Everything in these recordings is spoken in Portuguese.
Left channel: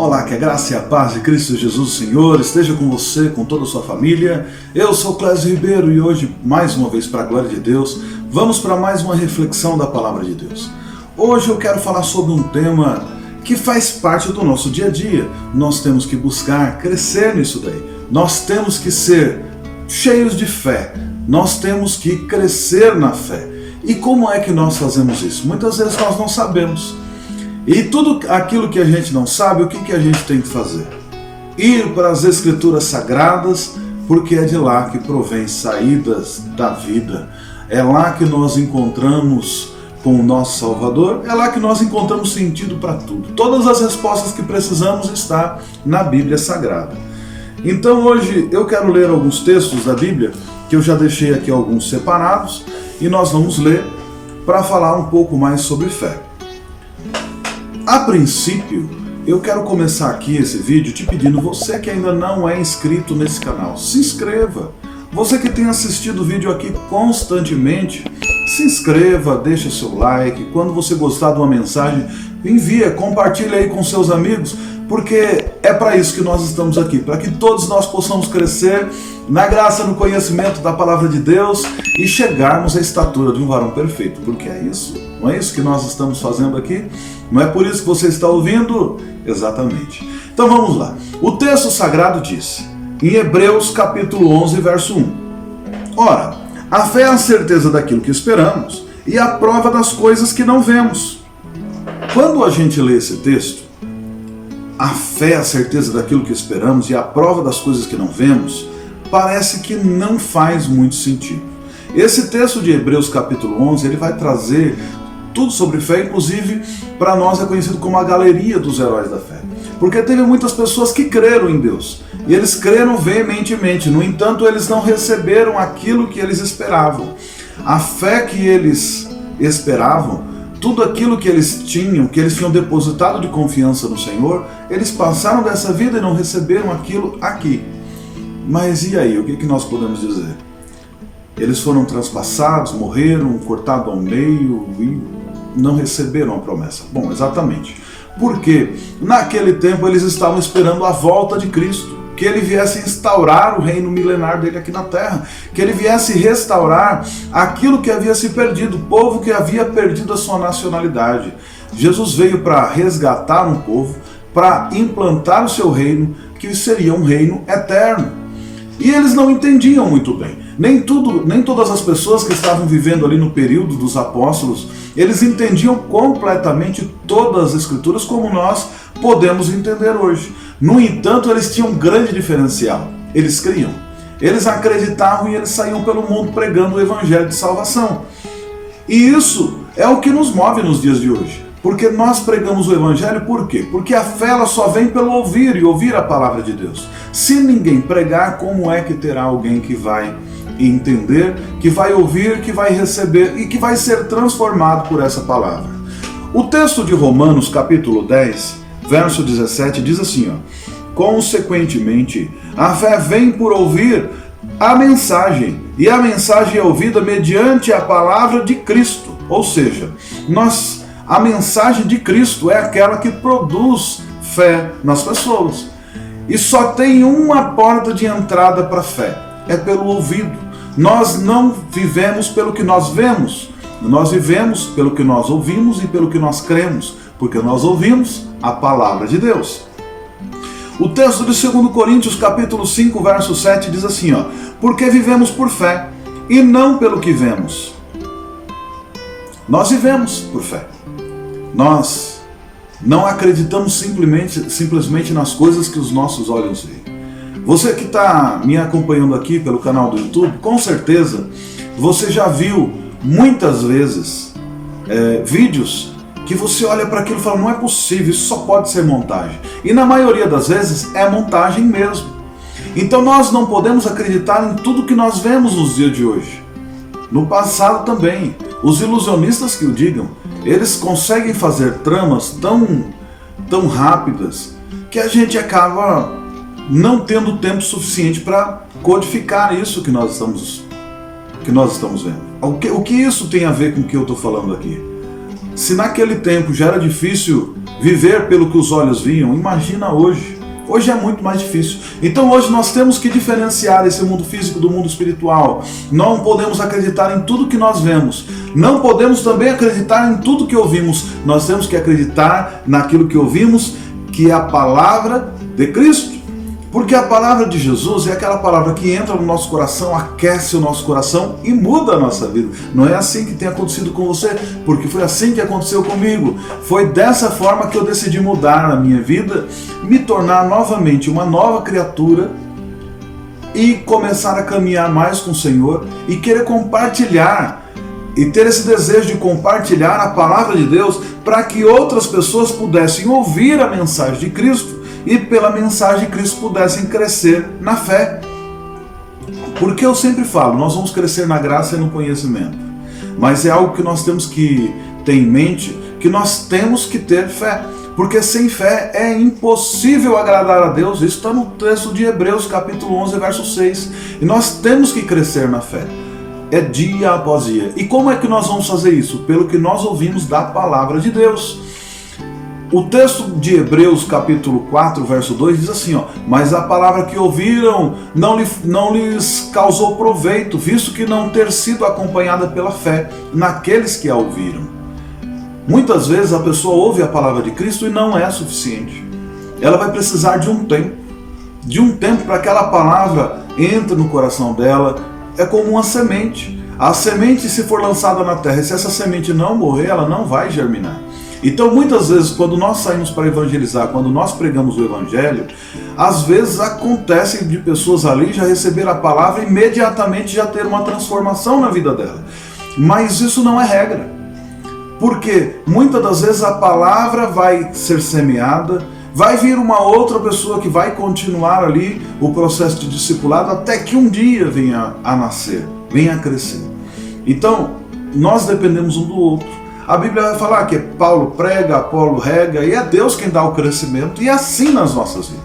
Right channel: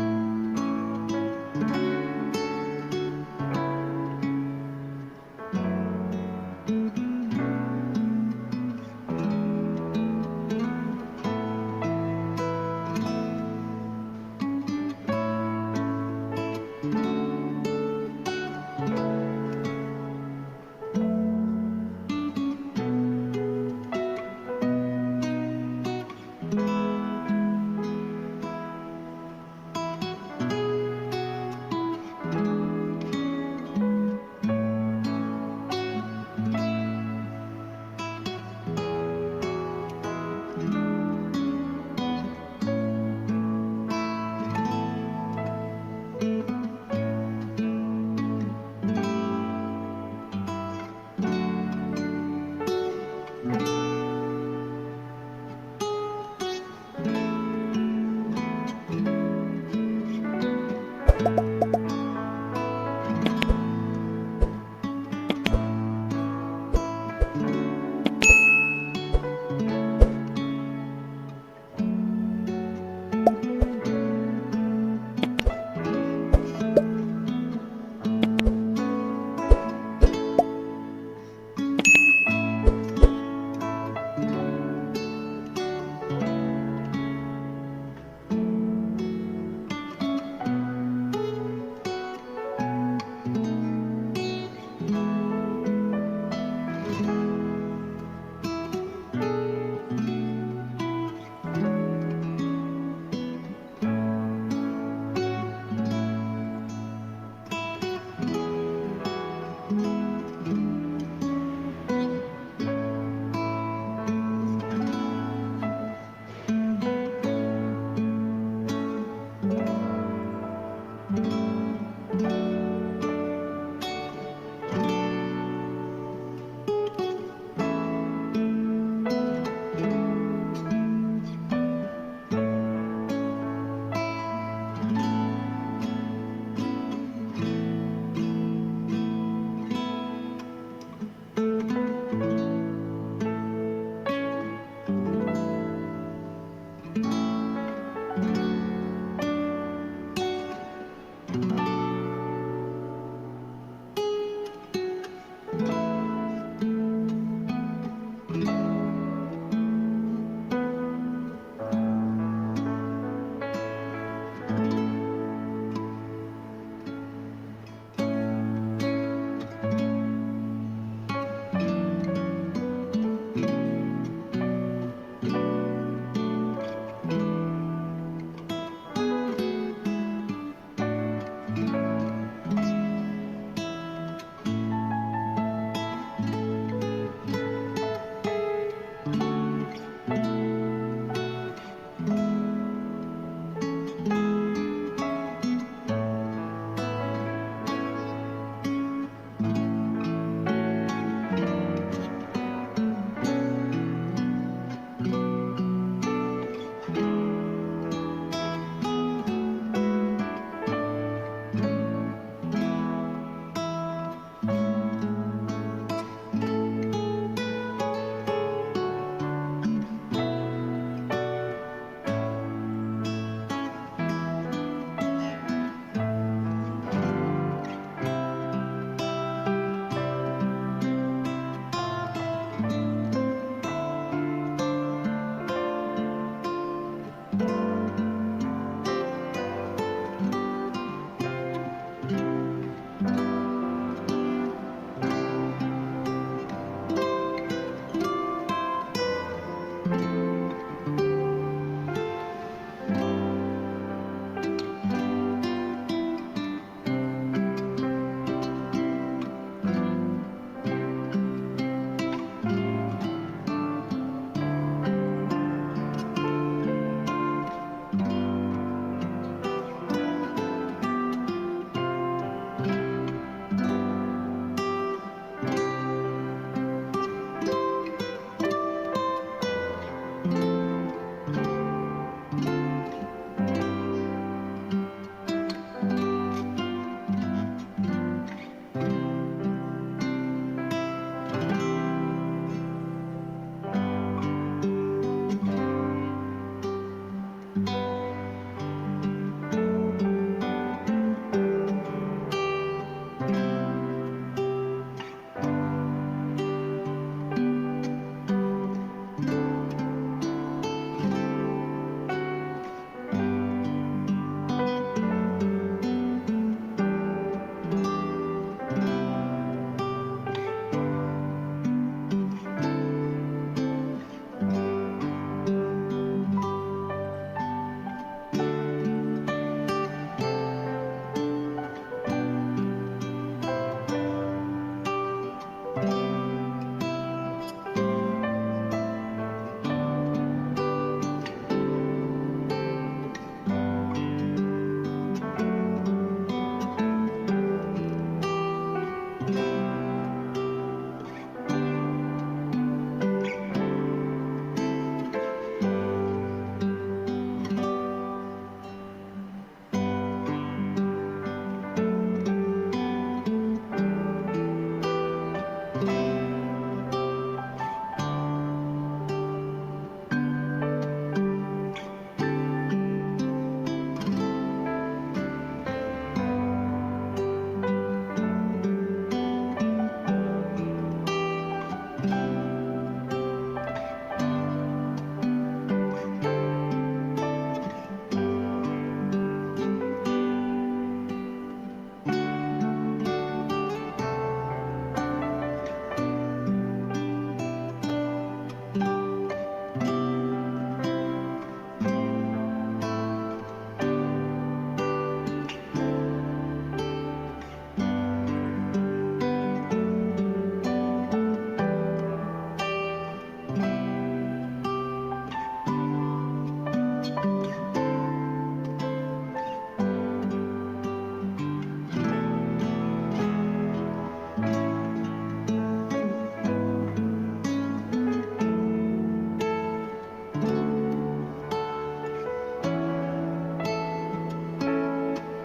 Olá, que a graça e a paz de Cristo Jesus Senhor esteja com você, com toda a sua família. Eu sou Clésio Ribeiro e hoje, mais uma vez, para a glória de Deus, vamos para mais uma reflexão da Palavra de Deus. Hoje eu quero falar sobre um tema que faz parte do nosso dia a dia. Nós temos que buscar crescer nisso daí. Nós temos que ser cheios de fé. Nós temos que crescer na fé. E como é que nós fazemos isso? Muitas vezes nós não sabemos. E tudo aquilo que a gente não sabe, o que a gente tem que fazer? Ir para as Escrituras Sagradas, porque é de lá que provém saídas da vida. É lá que nós encontramos com o nosso Salvador, é lá que nós encontramos sentido para tudo. Todas as respostas que precisamos estão na Bíblia Sagrada. Então hoje eu quero ler alguns textos da Bíblia, que eu já deixei aqui alguns separados, e nós vamos ler para falar um pouco mais sobre fé. A princípio, eu quero começar aqui esse vídeo te pedindo, você que ainda não é inscrito nesse canal, se inscreva. Você que tem assistido o vídeo aqui constantemente, se inscreva, deixe seu like. Quando você gostar de uma mensagem, envia, compartilha aí com seus amigos, porque é para isso que nós estamos aqui, para que todos nós possamos crescer na graça, no conhecimento da Palavra de Deus e chegarmos à estatura de um varão perfeito, porque é isso, não é isso que nós estamos fazendo aqui? Não é por isso que você está ouvindo? Exatamente. Então vamos lá. O texto sagrado diz, em Hebreus capítulo 11, verso 1. Ora, a fé é a certeza daquilo que esperamos e a prova das coisas que não vemos. Quando a gente lê esse texto, a fé é a certeza daquilo que esperamos e a prova das coisas que não vemos, parece que não faz muito sentido. Esse texto de Hebreus capítulo 11, ele vai trazer tudo sobre fé, inclusive para nós é conhecido como a galeria dos heróis da fé. Porque teve muitas pessoas que creram em Deus, e eles creram veementemente, no entanto eles não receberam aquilo que eles esperavam. A fé que eles esperavam, tudo aquilo que eles tinham depositado de confiança no Senhor, eles passaram dessa vida e não receberam aquilo aqui. Mas e aí, o que nós podemos dizer? Eles foram transpassados, morreram, cortados ao meio e não receberam a promessa. Bom, exatamente. Porque naquele tempo eles estavam esperando a volta de Cristo, que ele viesse instaurar o reino milenar dele aqui na terra, que ele viesse restaurar aquilo que havia se perdido, o povo que havia perdido a sua nacionalidade. Jesus veio para resgatar um povo, para implantar o seu reino, que seria um reino eterno. E eles não entendiam muito bem. Nem todas as pessoas que estavam vivendo ali no período dos apóstolos, eles entendiam completamente todas as escrituras como nós podemos entender hoje. No entanto, eles tinham um grande diferencial. Eles criam, eles acreditavam e eles saíam pelo mundo pregando o evangelho de salvação. E isso é o que nos move nos dias de hoje. Porque nós pregamos o evangelho, por quê? Porque a fé ela só vem pelo ouvir e ouvir a palavra de Deus. Se ninguém pregar, como é que terá alguém que vai entender, que vai ouvir, que vai receber e que vai ser transformado por essa palavra? O texto de Romanos capítulo 10, verso 17 diz assim, consequentemente, a fé vem por ouvir a mensagem, e a mensagem é ouvida mediante a palavra de Cristo. Ou seja, a mensagem de Cristo é aquela que produz fé nas pessoas. E só tem uma porta de entrada para a fé, é pelo ouvido. Nós não vivemos pelo que nós vemos, nós vivemos pelo que nós ouvimos e pelo que nós cremos, porque nós ouvimos a palavra de Deus. O texto de 2 Coríntios capítulo 5, verso 7 diz assim, porque vivemos por fé e não pelo que vemos. Nós vivemos por fé. Nós não acreditamos simplesmente nas coisas que os nossos olhos veem. Você que está me acompanhando aqui pelo canal do YouTube, com certeza você já viu muitas vezes vídeos que você olha para aquilo e fala, não é possível, isso só pode ser montagem. E na maioria das vezes é montagem mesmo. Então nós não podemos acreditar em tudo que nós vemos nos dias de hoje. No passado também, os ilusionistas que o digam, eles conseguem fazer tramas tão rápidas que a gente acaba não tendo tempo suficiente para codificar isso que nós estamos vendo. O que isso tem a ver com o que eu estou falando aqui? Se naquele tempo já era difícil viver pelo que os olhos viam, imagina hoje. Hoje é muito mais difícil. Então hoje nós temos que diferenciar esse mundo físico do mundo espiritual. Não podemos acreditar em tudo que nós vemos. Não podemos também acreditar em tudo que ouvimos. Nós temos que acreditar naquilo que ouvimos, que é a palavra de Cristo. Porque a palavra de Jesus é aquela palavra que entra no nosso coração, aquece o nosso coração e muda a nossa vida. Não é assim que tem acontecido com você, porque foi assim que aconteceu comigo. Foi dessa forma que eu decidi mudar a minha vida, me tornar novamente uma nova criatura e começar a caminhar mais com o Senhor e querer compartilhar e ter esse desejo de compartilhar a palavra de Deus para que outras pessoas pudessem ouvir a mensagem de Cristo e pela mensagem de Cristo pudessem crescer na fé. Porque eu sempre falo, nós vamos crescer na graça e no conhecimento. Mas é algo que nós temos que ter em mente, que nós temos que ter fé. Porque sem fé é impossível agradar a Deus. Isso está no texto de Hebreus, capítulo 11, verso 6. E nós temos que crescer na fé. É dia após dia. E como é que nós vamos fazer isso? Pelo que nós ouvimos da palavra de Deus. O texto de Hebreus capítulo 4, verso 2 diz assim, mas a palavra que ouviram não lhes causou proveito, visto que não ter sido acompanhada pela fé naqueles que a ouviram. Muitas vezes a pessoa ouve a palavra de Cristo e não é suficiente. Ela vai precisar de um tempo para que aquela palavra entre no coração dela. É como uma semente. A semente, se for lançada na terra, e se essa semente não morrer, ela não vai germinar. Então muitas vezes quando nós saímos para evangelizar, quando nós pregamos o evangelho, às vezes acontece de pessoas ali já receber a palavra e imediatamente já ter uma transformação na vida dela. Mas isso não é regra, porque muitas das vezes a palavra vai ser semeada, vai vir uma outra pessoa que vai continuar ali o processo de discipulado até que um dia venha a nascer, venha a crescer. Então nós dependemos um do outro. A Bíblia vai falar que Paulo prega, Apolo rega e é Deus quem dá o crescimento, e é assim nas nossas vidas.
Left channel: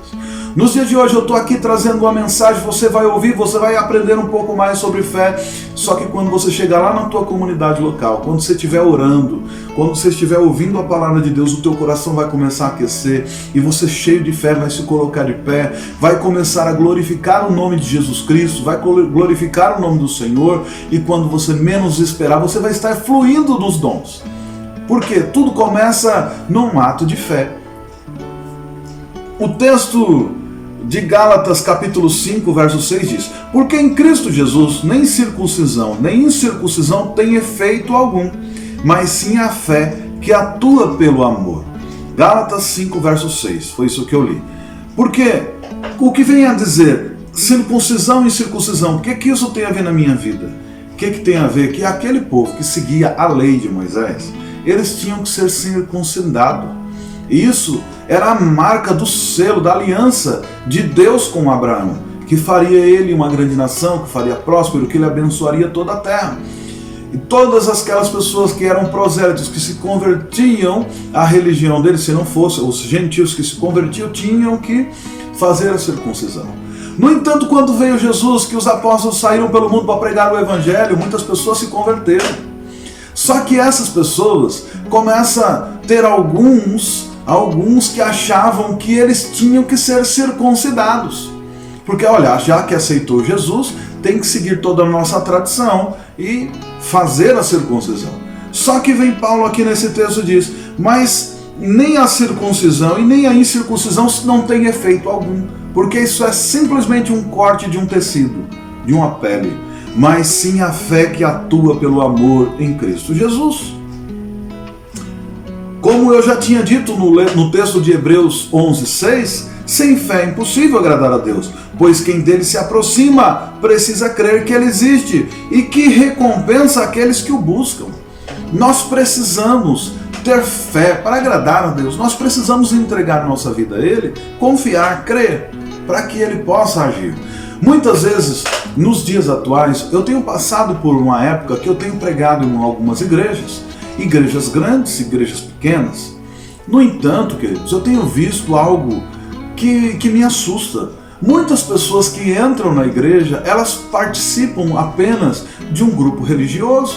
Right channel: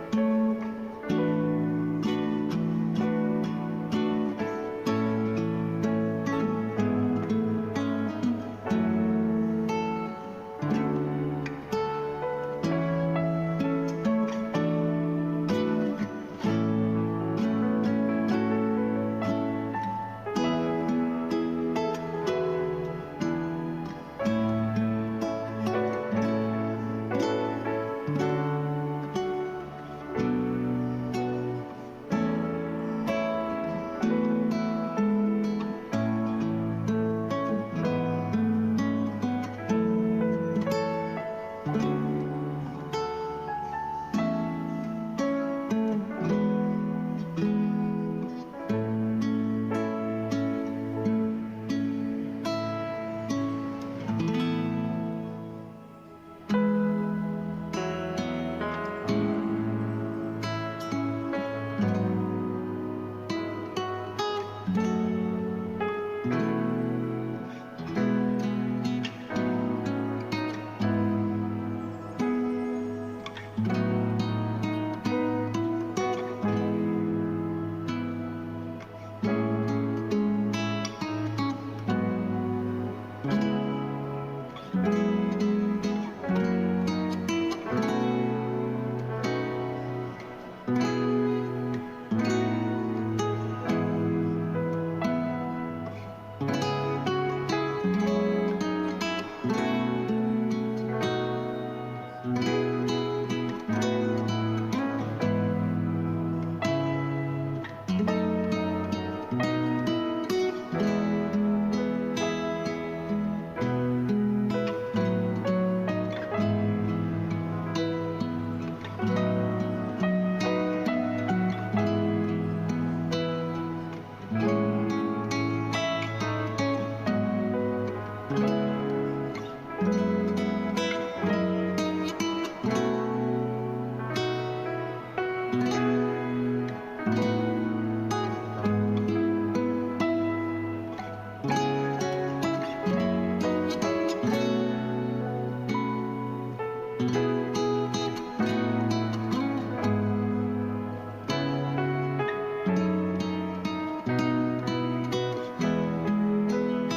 Nos dias de hoje eu estou aqui trazendo uma mensagem, você vai ouvir, você vai aprender um pouco mais sobre fé, só que quando você chegar lá na tua comunidade local, quando você estiver orando, quando você estiver ouvindo a palavra de Deus, o teu coração vai começar a aquecer e você, cheio de fé, vai se colocar de pé, vai começar a glorificar o nome de Jesus Cristo, vai glorificar o nome do Senhor, e quando você menos esperar, você vai estar fluindo dos dons. Porque tudo começa num ato de fé. O texto de Gálatas capítulo 5, verso 6 diz: porque em Cristo Jesus nem circuncisão nem incircuncisão tem efeito algum, mas sim a fé que atua pelo amor. Gálatas 5, verso 6, foi isso que eu li. Porque o que vem a dizer circuncisão e incircuncisão, o que isso tem a ver na minha vida? O que tem a ver? Que aquele povo que seguia a lei de Moisés, eles tinham que ser circuncidados. Isso era a marca do selo, da aliança de Deus com Abraão, que faria ele uma grande nação, que faria próspero, que ele abençoaria toda a terra. E todas aquelas pessoas que eram prosélitos, que se convertiam à religião deles, se não fosse, os gentios que se convertiam, tinham que fazer a circuncisão. No entanto, quando veio Jesus, que os apóstolos saíram pelo mundo para pregar o evangelho, muitas pessoas se converteram. Só que essas pessoas começam a ter alguns que achavam que eles tinham que ser circuncidados. Porque olha, já que aceitou Jesus, tem que seguir toda a nossa tradição e fazer a circuncisão. Só que vem Paulo aqui nesse texto e diz: mas nem a circuncisão e nem a incircuncisão não tem efeito algum, porque isso é simplesmente um corte de um tecido, de uma pele, mas sim a fé que atua pelo amor em Cristo Jesus. Como eu já tinha dito no texto de Hebreus 11, 6, sem fé é impossível agradar a Deus, pois quem dele se aproxima precisa crer que ele existe e que recompensa aqueles que o buscam. Nós precisamos ter fé para agradar a Deus, nós precisamos entregar nossa vida a Ele, confiar, crer, para que Ele possa agir. Muitas vezes, nos dias atuais, eu tenho passado por uma época que eu tenho pregado em algumas igrejas grandes, igrejas pequenas. No entanto, queridos, eu tenho visto algo que me assusta. Muitas pessoas que entram na igreja, elas participam apenas de um grupo religioso.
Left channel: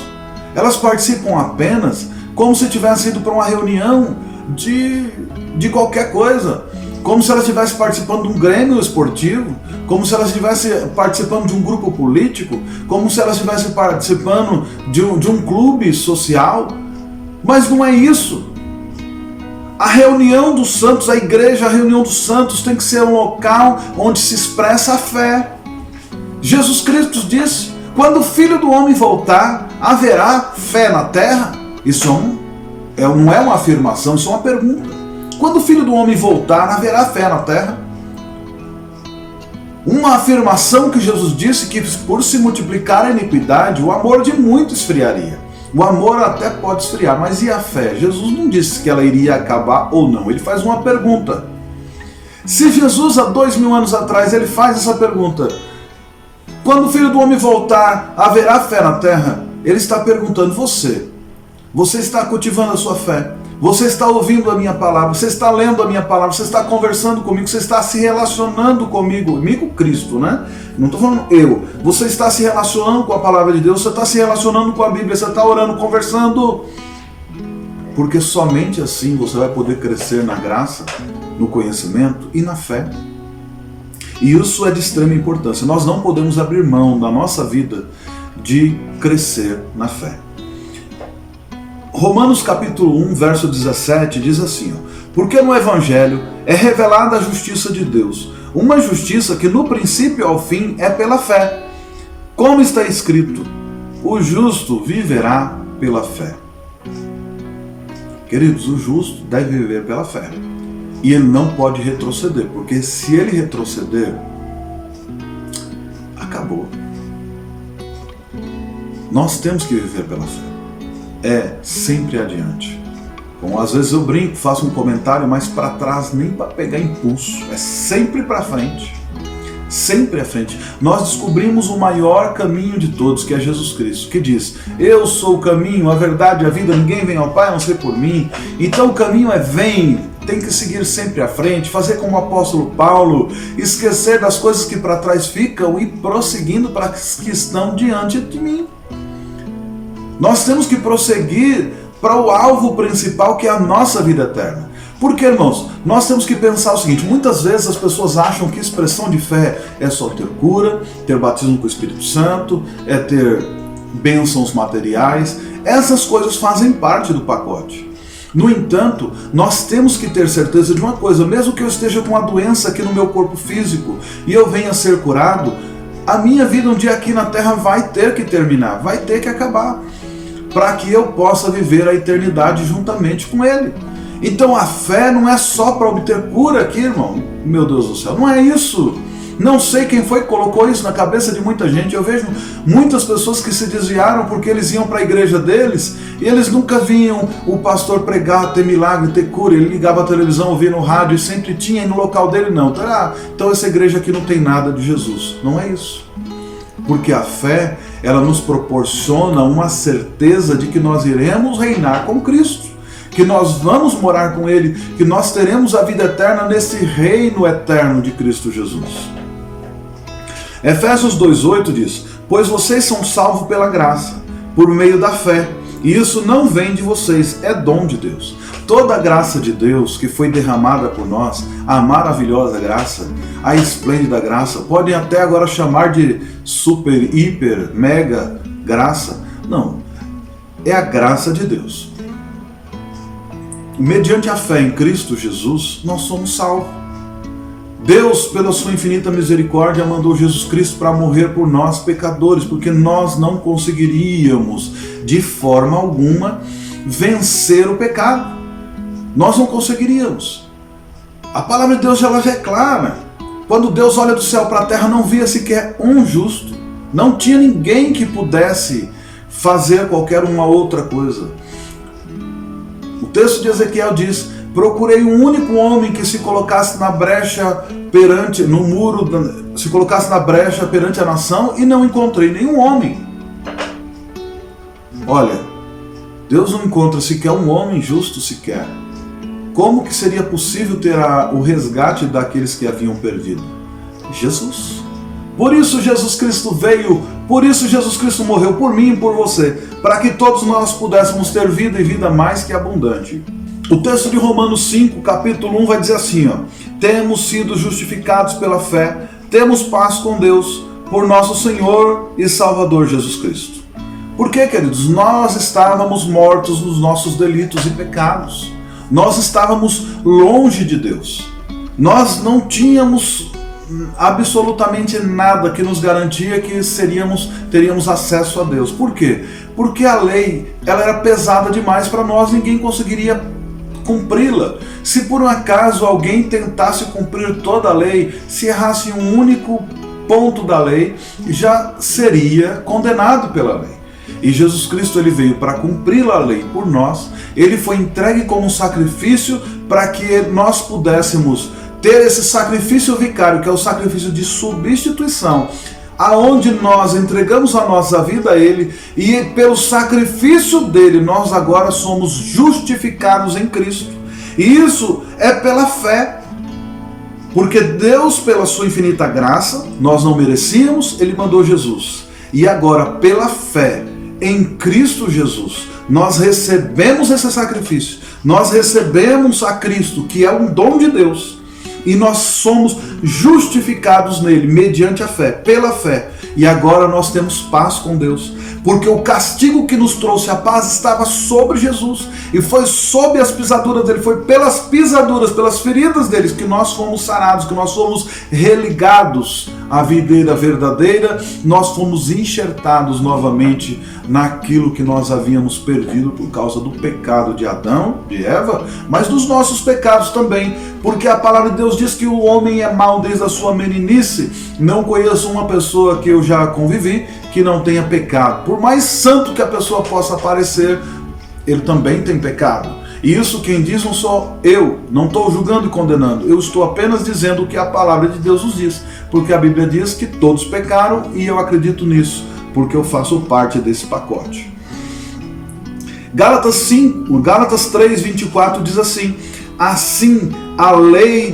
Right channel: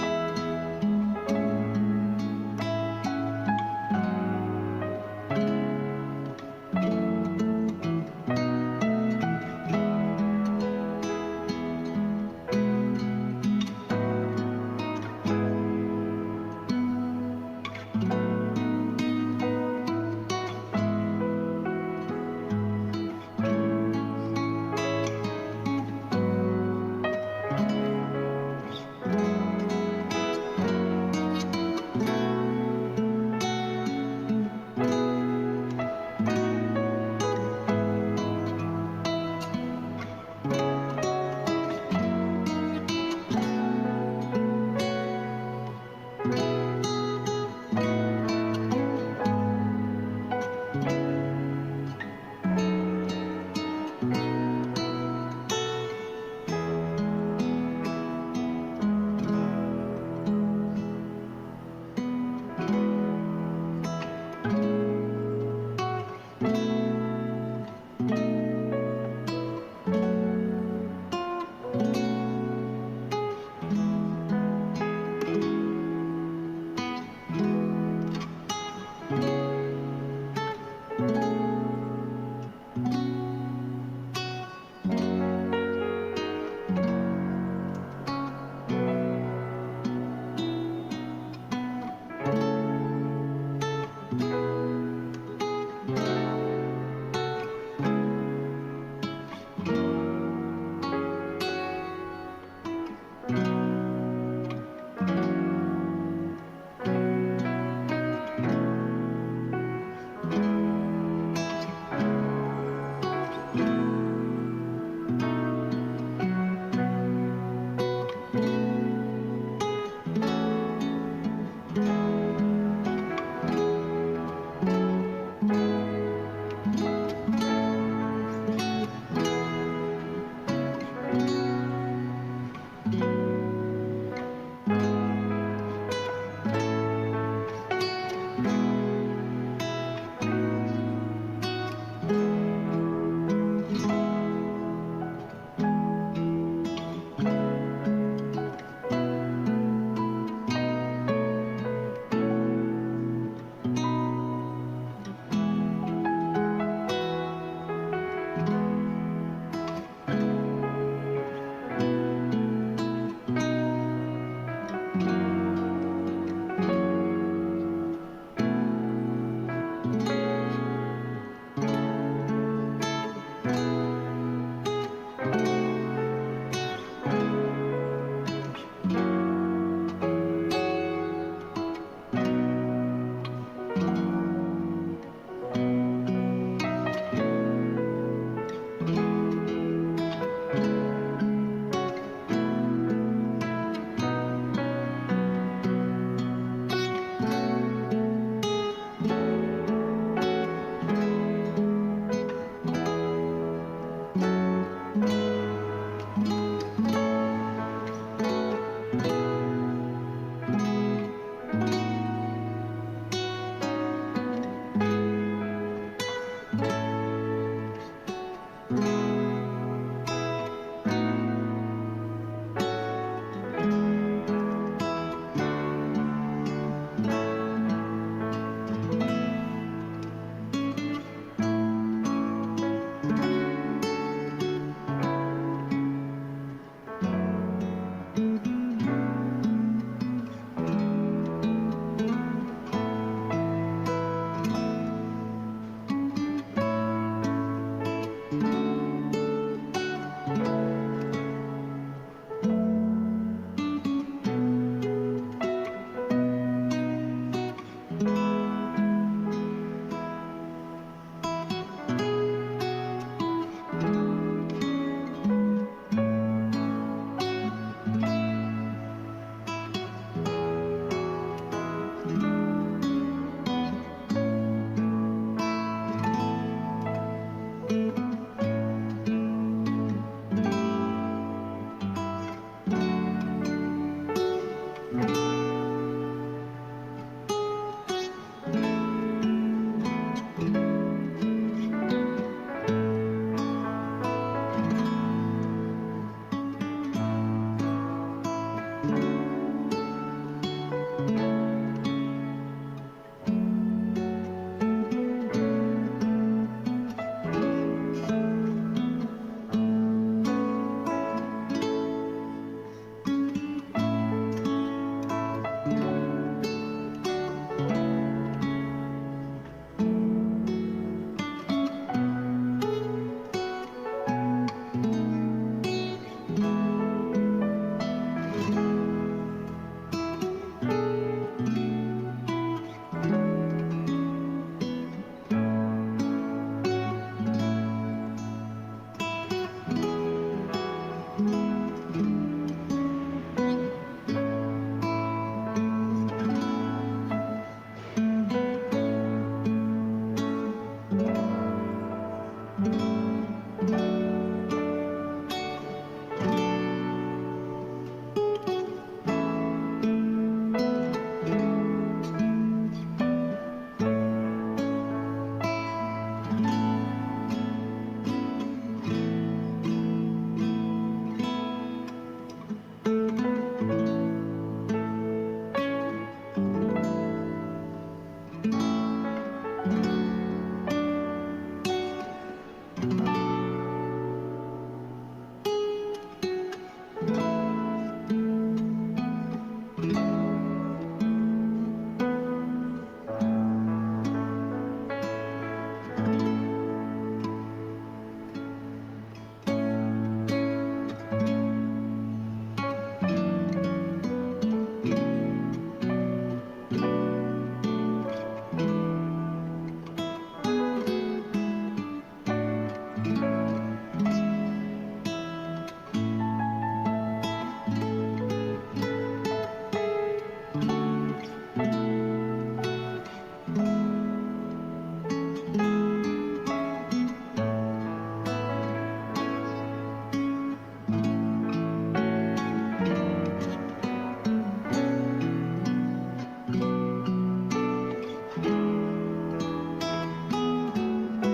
Elas participam apenas como se tivessem ido para uma reunião de de qualquer coisa, como se ela estivesse participando de um grêmio esportivo, como se ela estivesse participando de um grupo político, como se ela estivesse participando de um clube social. Mas não é isso. A reunião dos santos, a igreja, a reunião dos santos tem que ser um local onde se expressa a fé. Jesus Cristo disse: quando o Filho do Homem voltar, haverá fé na terra? Isso não é uma afirmação, isso é uma pergunta. Quando o Filho do Homem voltar, haverá fé na terra? Uma afirmação que Jesus disse que por se multiplicar a iniquidade, o amor de muito esfriaria. O amor até pode esfriar, mas e a fé? Jesus não disse que ela iria acabar ou não. Ele faz uma pergunta. Se Jesus, há 2000 anos atrás, ele faz essa pergunta: quando o Filho do Homem voltar, haverá fé na terra? Ele está perguntando: você está cultivando a sua fé? Você está ouvindo a minha palavra? Você está lendo a minha palavra? Você está conversando comigo? Você está se relacionando comigo? Cristo, né? Não estou falando eu. Você está se relacionando com a palavra de Deus? Você está se relacionando com a Bíblia? Você está orando, conversando? Porque somente assim você vai poder crescer na graça, no conhecimento e na fé. E isso é de extrema importância. Nós não podemos abrir mão da nossa vida de crescer na fé. Romanos capítulo 1, verso 17 diz assim: porque no Evangelho é revelada a justiça de Deus, uma justiça que no princípio ao fim é pela fé. Como está escrito: o justo viverá pela fé. Queridos, o justo deve viver pela fé. E ele não pode retroceder, porque se ele retroceder, acabou. Nós temos que viver pela fé. É sempre adiante. Bom, às vezes eu brinco, faço um comentário, mas para trás nem para pegar impulso. É sempre para frente. Sempre à frente. Nós descobrimos o maior caminho de todos, que é Jesus Cristo, que diz: eu sou o caminho, a verdade e a vida, ninguém vem ao Pai a não ser por mim. Então o caminho é vem, tem que seguir sempre à frente, fazer como o apóstolo Paulo, esquecer das coisas que para trás ficam e prosseguindo para as que estão diante de mim. Nós temos que prosseguir para o alvo principal, que é a nossa vida eterna. Porque, irmãos, nós temos que pensar o seguinte: muitas vezes as pessoas acham que expressão de fé é só ter cura, ter batismo com o Espírito Santo, é ter bênçãos materiais. Essas coisas fazem parte do pacote. No entanto, nós temos que ter certeza de uma coisa: mesmo que eu esteja com uma doença aqui no meu corpo físico e eu venha a ser curado, a minha vida um dia aqui na terra vai ter que terminar, vai ter que acabar, para que eu possa viver a eternidade juntamente com Ele. Então a fé não é só para obter cura aqui, irmão. Meu Deus do céu, não é isso. Não sei quem foi que colocou isso na cabeça de muita gente. Eu vejo muitas pessoas que se desviaram porque eles iam para a igreja deles e eles nunca viam o pastor pregar, ter milagre, ter cura. Ele ligava a televisão, ouvia no rádio e sempre tinha, e no local dele não. Então essa igreja aqui não tem nada de Jesus. Não é isso. Porque a fé, ela nos proporciona uma certeza de que nós iremos reinar com Cristo, que nós vamos morar com Ele, que nós teremos a vida eterna nesse reino eterno de Cristo Jesus. Efésios 2,8 diz: pois vocês são salvos pela graça, por meio da fé, e isso não vem de vocês, é dom de Deus. Toda a graça de Deus que foi derramada por nós, a maravilhosa graça, a esplêndida graça, podem até agora chamar de super, hiper, mega graça. Não, é a graça de Deus. Mediante a fé em Cristo Jesus, nós somos salvos. Deus, pela sua infinita misericórdia, mandou Jesus Cristo para morrer por nós, pecadores, porque nós não conseguiríamos, de forma alguma, vencer o pecado. Nós não conseguiríamos. A palavra de Deus já é clara. Quando Deus olha do céu para a terra, não via sequer um justo. Não tinha ninguém que pudesse fazer qualquer uma outra coisa. O texto de Ezequiel diz: procurei um único homem que se colocasse na brecha perante, no muro, se colocasse na brecha perante a nação, e não encontrei nenhum homem. Olha, Deus não encontra sequer um homem justo sequer. Como que seria possível ter o resgate daqueles que haviam perdido? Jesus. Por isso Jesus Cristo veio, por isso Jesus Cristo morreu por mim e por você, para que todos nós pudéssemos ter vida e vida mais que abundante. O texto de Romanos 5, capítulo 1 vai dizer assim, ó: temos sido justificados pela fé, temos paz com Deus, por nosso Senhor e Salvador Jesus Cristo. Por quê, queridos? Nós estávamos mortos nos nossos delitos e pecados. Nós estávamos longe de Deus. Nós não tínhamos absolutamente nada que nos garantia que teríamos acesso a Deus. Por quê? Porque a lei ela era pesada demais para nós, ninguém conseguiria cumpri-la. Se por um acaso alguém tentasse cumprir toda a lei, se errasse um único ponto da lei, já seria condenado pela lei. E Jesus Cristo ele veio para cumprir a lei por nós. Ele foi entregue como um sacrifício para que nós pudéssemos ter esse sacrifício vicário, que é o sacrifício de substituição, aonde nós entregamos a nossa vida a Ele, e pelo sacrifício dele nós agora somos justificados em Cristo. E isso é pela fé, porque Deus, pela sua infinita graça, nós não merecíamos, Ele mandou Jesus. E agora, pela fé em Cristo Jesus, nós recebemos esse sacrifício, nós recebemos a Cristo, que é um dom de Deus, e nós somos justificados nele, mediante a fé, pela fé. E agora nós temos paz com Deus, porque o castigo que nos trouxe a paz estava sobre Jesus, e foi sob as pisaduras dele, foi pelas pisaduras, pelas feridas deles, que nós fomos sarados, que nós fomos religados à videira verdadeira, nós fomos enxertados novamente naquilo que nós havíamos perdido por causa do pecado de Adão, de Eva, mas dos nossos pecados também, porque a palavra de Deus diz que o homem é mau desde a sua meninice. Não conheço uma pessoa que eu já convivi que não tenha pecado. Por mais santo que a pessoa possa parecer, ele também tem pecado. E isso quem diz não sou eu, não estou julgando e condenando, eu estou apenas dizendo o que a palavra de Deus nos diz, porque a Bíblia diz que todos pecaram e eu acredito nisso, porque eu faço parte desse pacote. Gálatas 3:24 diz assim: assim a lei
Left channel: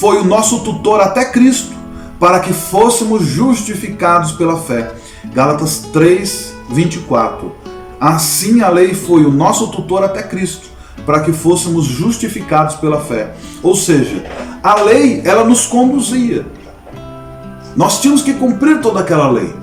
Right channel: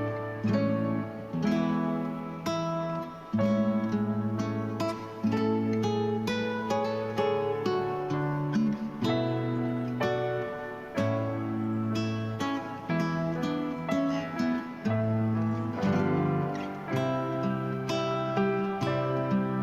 foi o nosso tutor até Cristo, para que fôssemos justificados pela fé. Gálatas 3:24. Assim a lei foi o nosso tutor até Cristo, para que fôssemos justificados pela fé. Ou seja, a lei, ela nos conduzia. Nós tínhamos que cumprir toda aquela lei.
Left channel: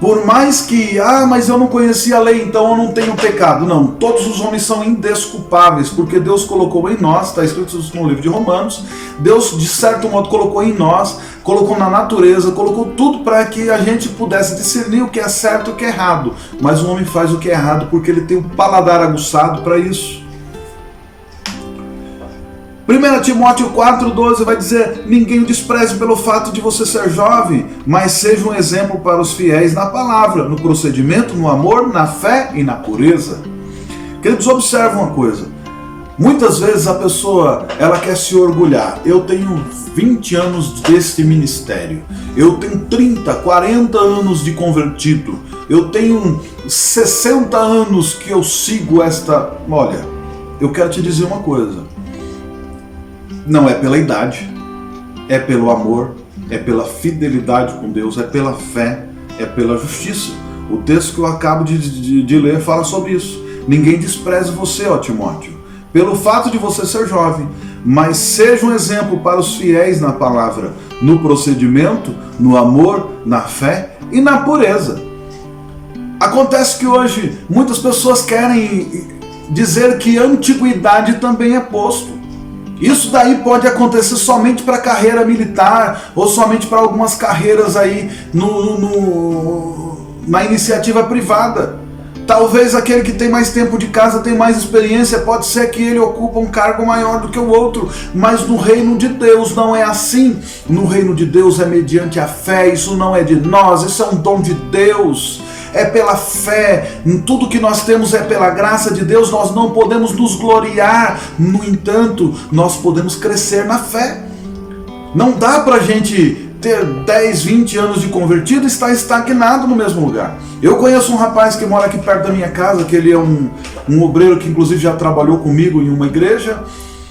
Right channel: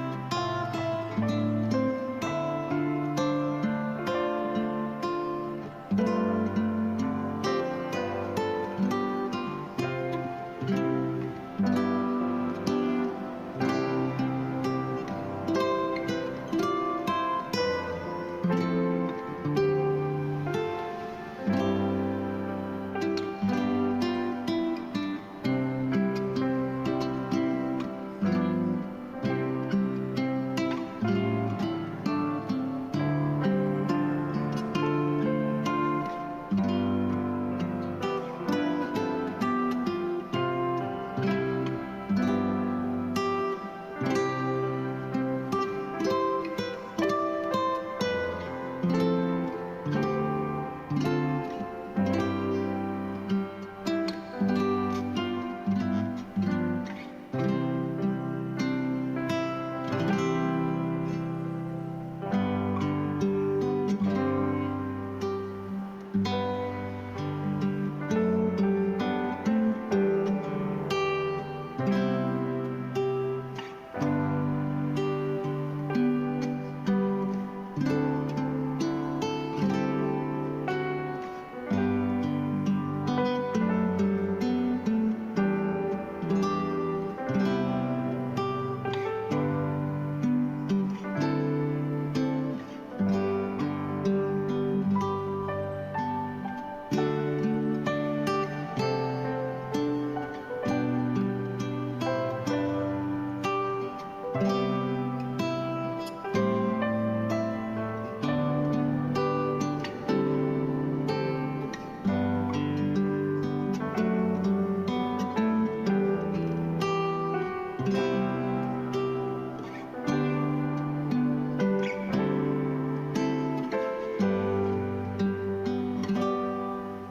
Por mais que, mas eu não conhecia a lei, então eu não tenho pecado. Não, todos os homens são indesculpáveis, porque Deus colocou em nós, está escrito isso no livro de Romanos, Deus de certo modo colocou em nós, colocou na natureza, colocou tudo para que a gente pudesse discernir o que é certo e o que é errado. Mas o homem faz o que é errado porque ele tem o paladar aguçado para isso. 1 Timóteo 4,12 vai dizer: ninguém o despreze pelo fato de você ser jovem, mas seja um exemplo para os fiéis na palavra, no procedimento, no amor, na fé e na pureza. Queridos, observe uma coisa. Muitas vezes a pessoa, ela quer se orgulhar. Eu tenho 20 anos deste ministério. Eu tenho 30, 40 anos de convertido. Eu tenho 60 anos que eu sigo esta... Olha, eu quero te dizer uma coisa. Não é pela idade, é pelo amor, é pela fidelidade com Deus, é pela fé, é pela justiça. O texto que eu acabo de ler fala sobre isso. Ninguém despreze você, ó Timóteo, pelo fato de você ser jovem, mas seja um exemplo para os fiéis na palavra, no procedimento, no amor, na fé e na pureza. Acontece que hoje muitas pessoas querem dizer que a antiguidade também é posto. Isso daí pode acontecer somente para a carreira militar ou somente para algumas carreiras aí na iniciativa privada. Talvez aquele que tem mais tempo de casa, tem mais experiência, pode ser que ele ocupa um cargo maior do que o outro, mas no reino de Deus não é assim. No reino de Deus é mediante a fé, isso não é de nós, isso é um dom de Deus. É pela fé, tudo que nós temos é pela graça de Deus, nós não podemos nos gloriar, no entanto, nós podemos crescer na fé. Não dá pra gente ter 10, 20 anos de convertido e estar estagnado no mesmo lugar. Eu conheço um rapaz que mora aqui perto da minha casa, que ele é um obreiro que inclusive já trabalhou comigo em uma igreja,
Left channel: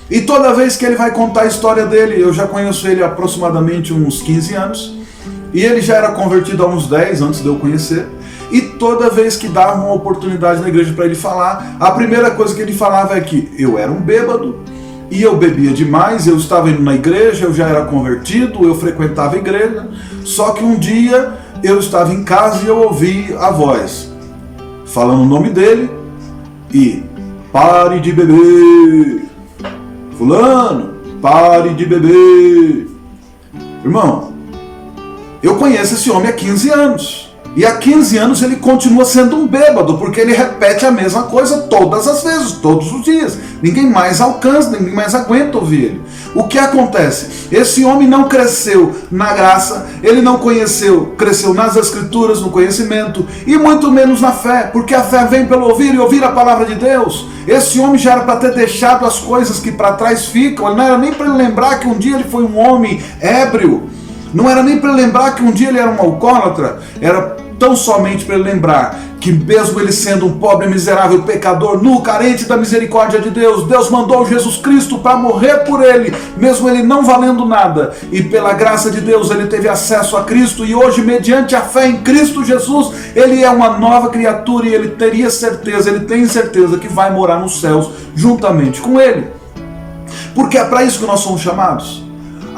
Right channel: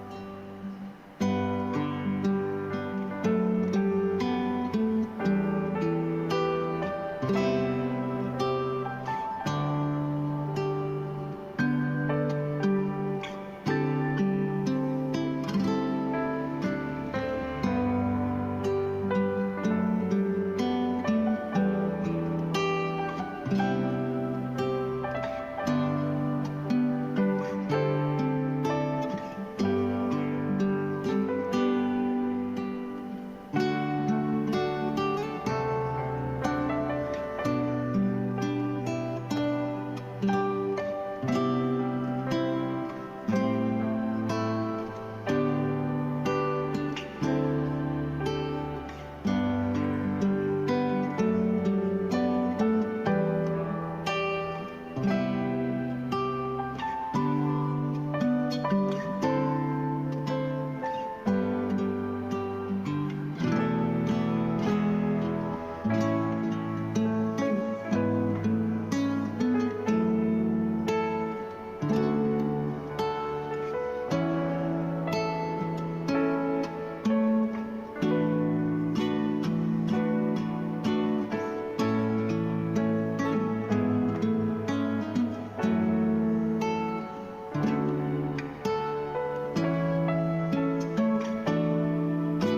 e toda vez que ele vai contar a história dele, eu já conheço ele há aproximadamente uns 15 anos, e ele já era convertido há uns 10 antes de eu conhecer. E toda vez que dava uma oportunidade na igreja para ele falar, a primeira coisa que ele falava é que eu era um bêbado, e eu bebia demais, eu estava indo na igreja, eu já era convertido, eu frequentava a igreja, só que um dia eu estava em casa e eu ouvi a voz falando o nome dele e pare de beber, fulano, pare de beber. Irmão, eu conheço esse homem há 15 anos. E há 15 anos ele continua sendo um bêbado, porque ele repete a mesma coisa todas as vezes, todos os dias. Ninguém mais alcança, ninguém mais aguenta ouvir ele. O que acontece? Esse homem não cresceu na graça, ele não cresceu nas escrituras, no conhecimento, e muito menos na fé, porque a fé vem pelo ouvir e ouvir a palavra de Deus. Esse homem já era para ter deixado as coisas que para trás ficam, não era nem para ele lembrar que um dia ele foi um homem ébrio, não era nem para ele lembrar que um dia ele era um alcoólatra, era tão somente para ele lembrar que mesmo ele sendo um pobre, miserável, pecador, nu, carente da misericórdia de Deus, Deus mandou Jesus Cristo para morrer por ele, mesmo ele não valendo nada, e pela graça de Deus ele teve acesso a Cristo, e hoje mediante a fé em Cristo Jesus, ele é uma nova criatura, e ele tem certeza que vai morar nos céus juntamente com ele, porque é para isso que nós somos chamados.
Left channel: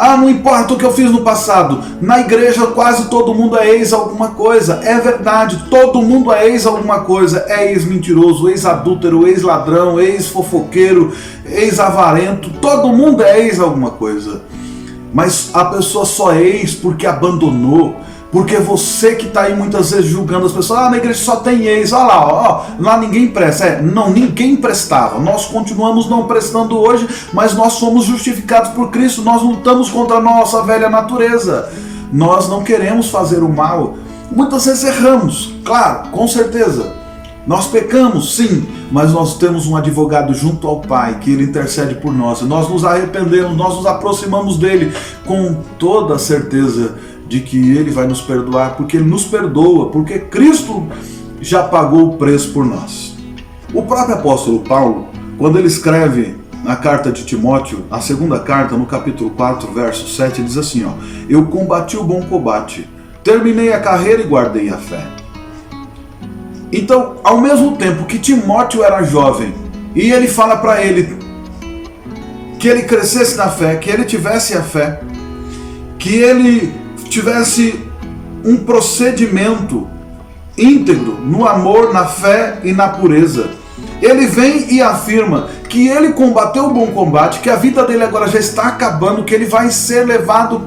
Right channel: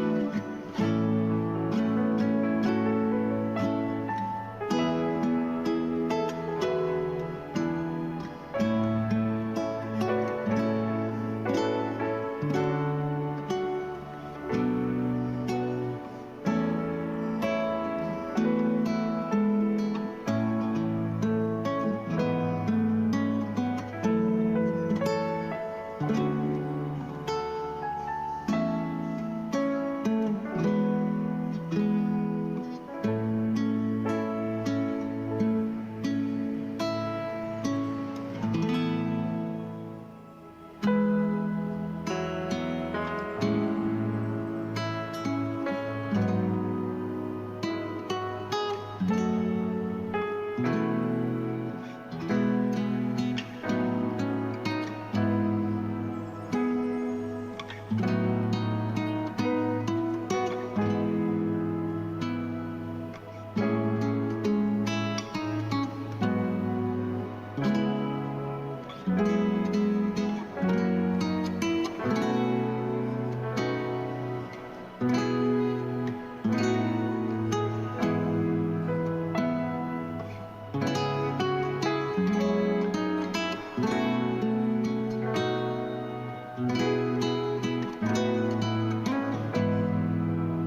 Ah, não importa o que eu fiz no passado. Na igreja quase todo mundo é ex alguma coisa. É verdade, todo mundo é ex alguma coisa. É ex-mentiroso, ex-adúltero, ex-ladrão, ex-fofoqueiro, ex-avarento. Todo mundo é ex alguma coisa. Mas a pessoa só é ex porque abandonou. Porque você que está aí muitas vezes julgando as pessoas, na igreja só tem ex, olha lá, lá ninguém presta. Não, ninguém prestava. Nós continuamos não prestando hoje, mas nós somos justificados por Cristo. Nós lutamos contra a nossa velha natureza. Nós não queremos fazer o mal. Muitas vezes erramos, claro, com certeza. Nós pecamos, sim, mas nós temos um advogado junto ao Pai, que Ele intercede por nós. Nós nos arrependemos, nós nos aproximamos dEle com toda a certeza de que Ele vai nos perdoar, porque Ele nos perdoa, porque Cristo já pagou o preço por nós. O próprio apóstolo Paulo, quando ele escreve na carta de Timóteo, a segunda carta, no capítulo 4, verso 7, diz assim, eu combati o bom combate, terminei a carreira e guardei a fé. Então, ao mesmo tempo que Timóteo era jovem, e ele fala para ele que ele crescesse na fé, que ele tivesse a fé, que ele tivesse um procedimento íntegro no amor, na fé e na pureza. Ele vem e afirma que ele combateu o bom combate, que a vida dele agora já está acabando, que ele vai ser levado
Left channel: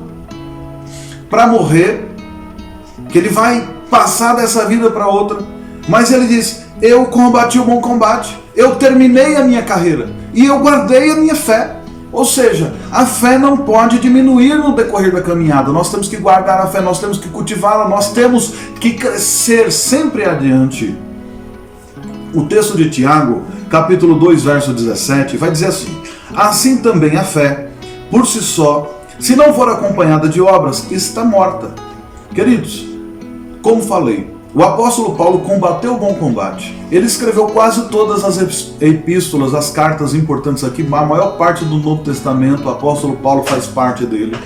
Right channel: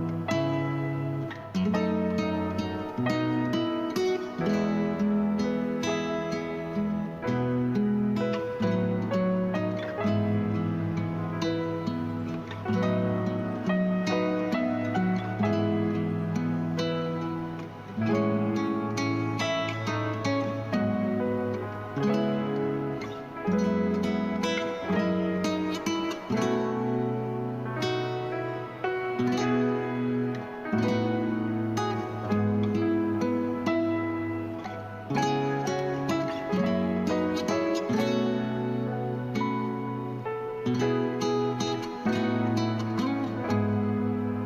para morrer, que ele vai passar dessa vida para outra. Mas ele diz, eu combati o bom combate, eu terminei a minha carreira e eu guardei a minha fé. Ou seja, a fé não pode diminuir no decorrer da caminhada. Nós temos que guardar a fé, nós temos que cultivá-la, nós temos que crescer sempre adiante. O texto de Tiago, capítulo 2, verso 17, vai dizer assim, assim também a fé, por si só, se não for acompanhada de obras, está morta. Queridos, como falei, o apóstolo Paulo combateu o bom combate. Ele escreveu quase todas as epístolas, as cartas importantes aqui, a maior parte do Novo Testamento, o apóstolo Paulo faz parte dele.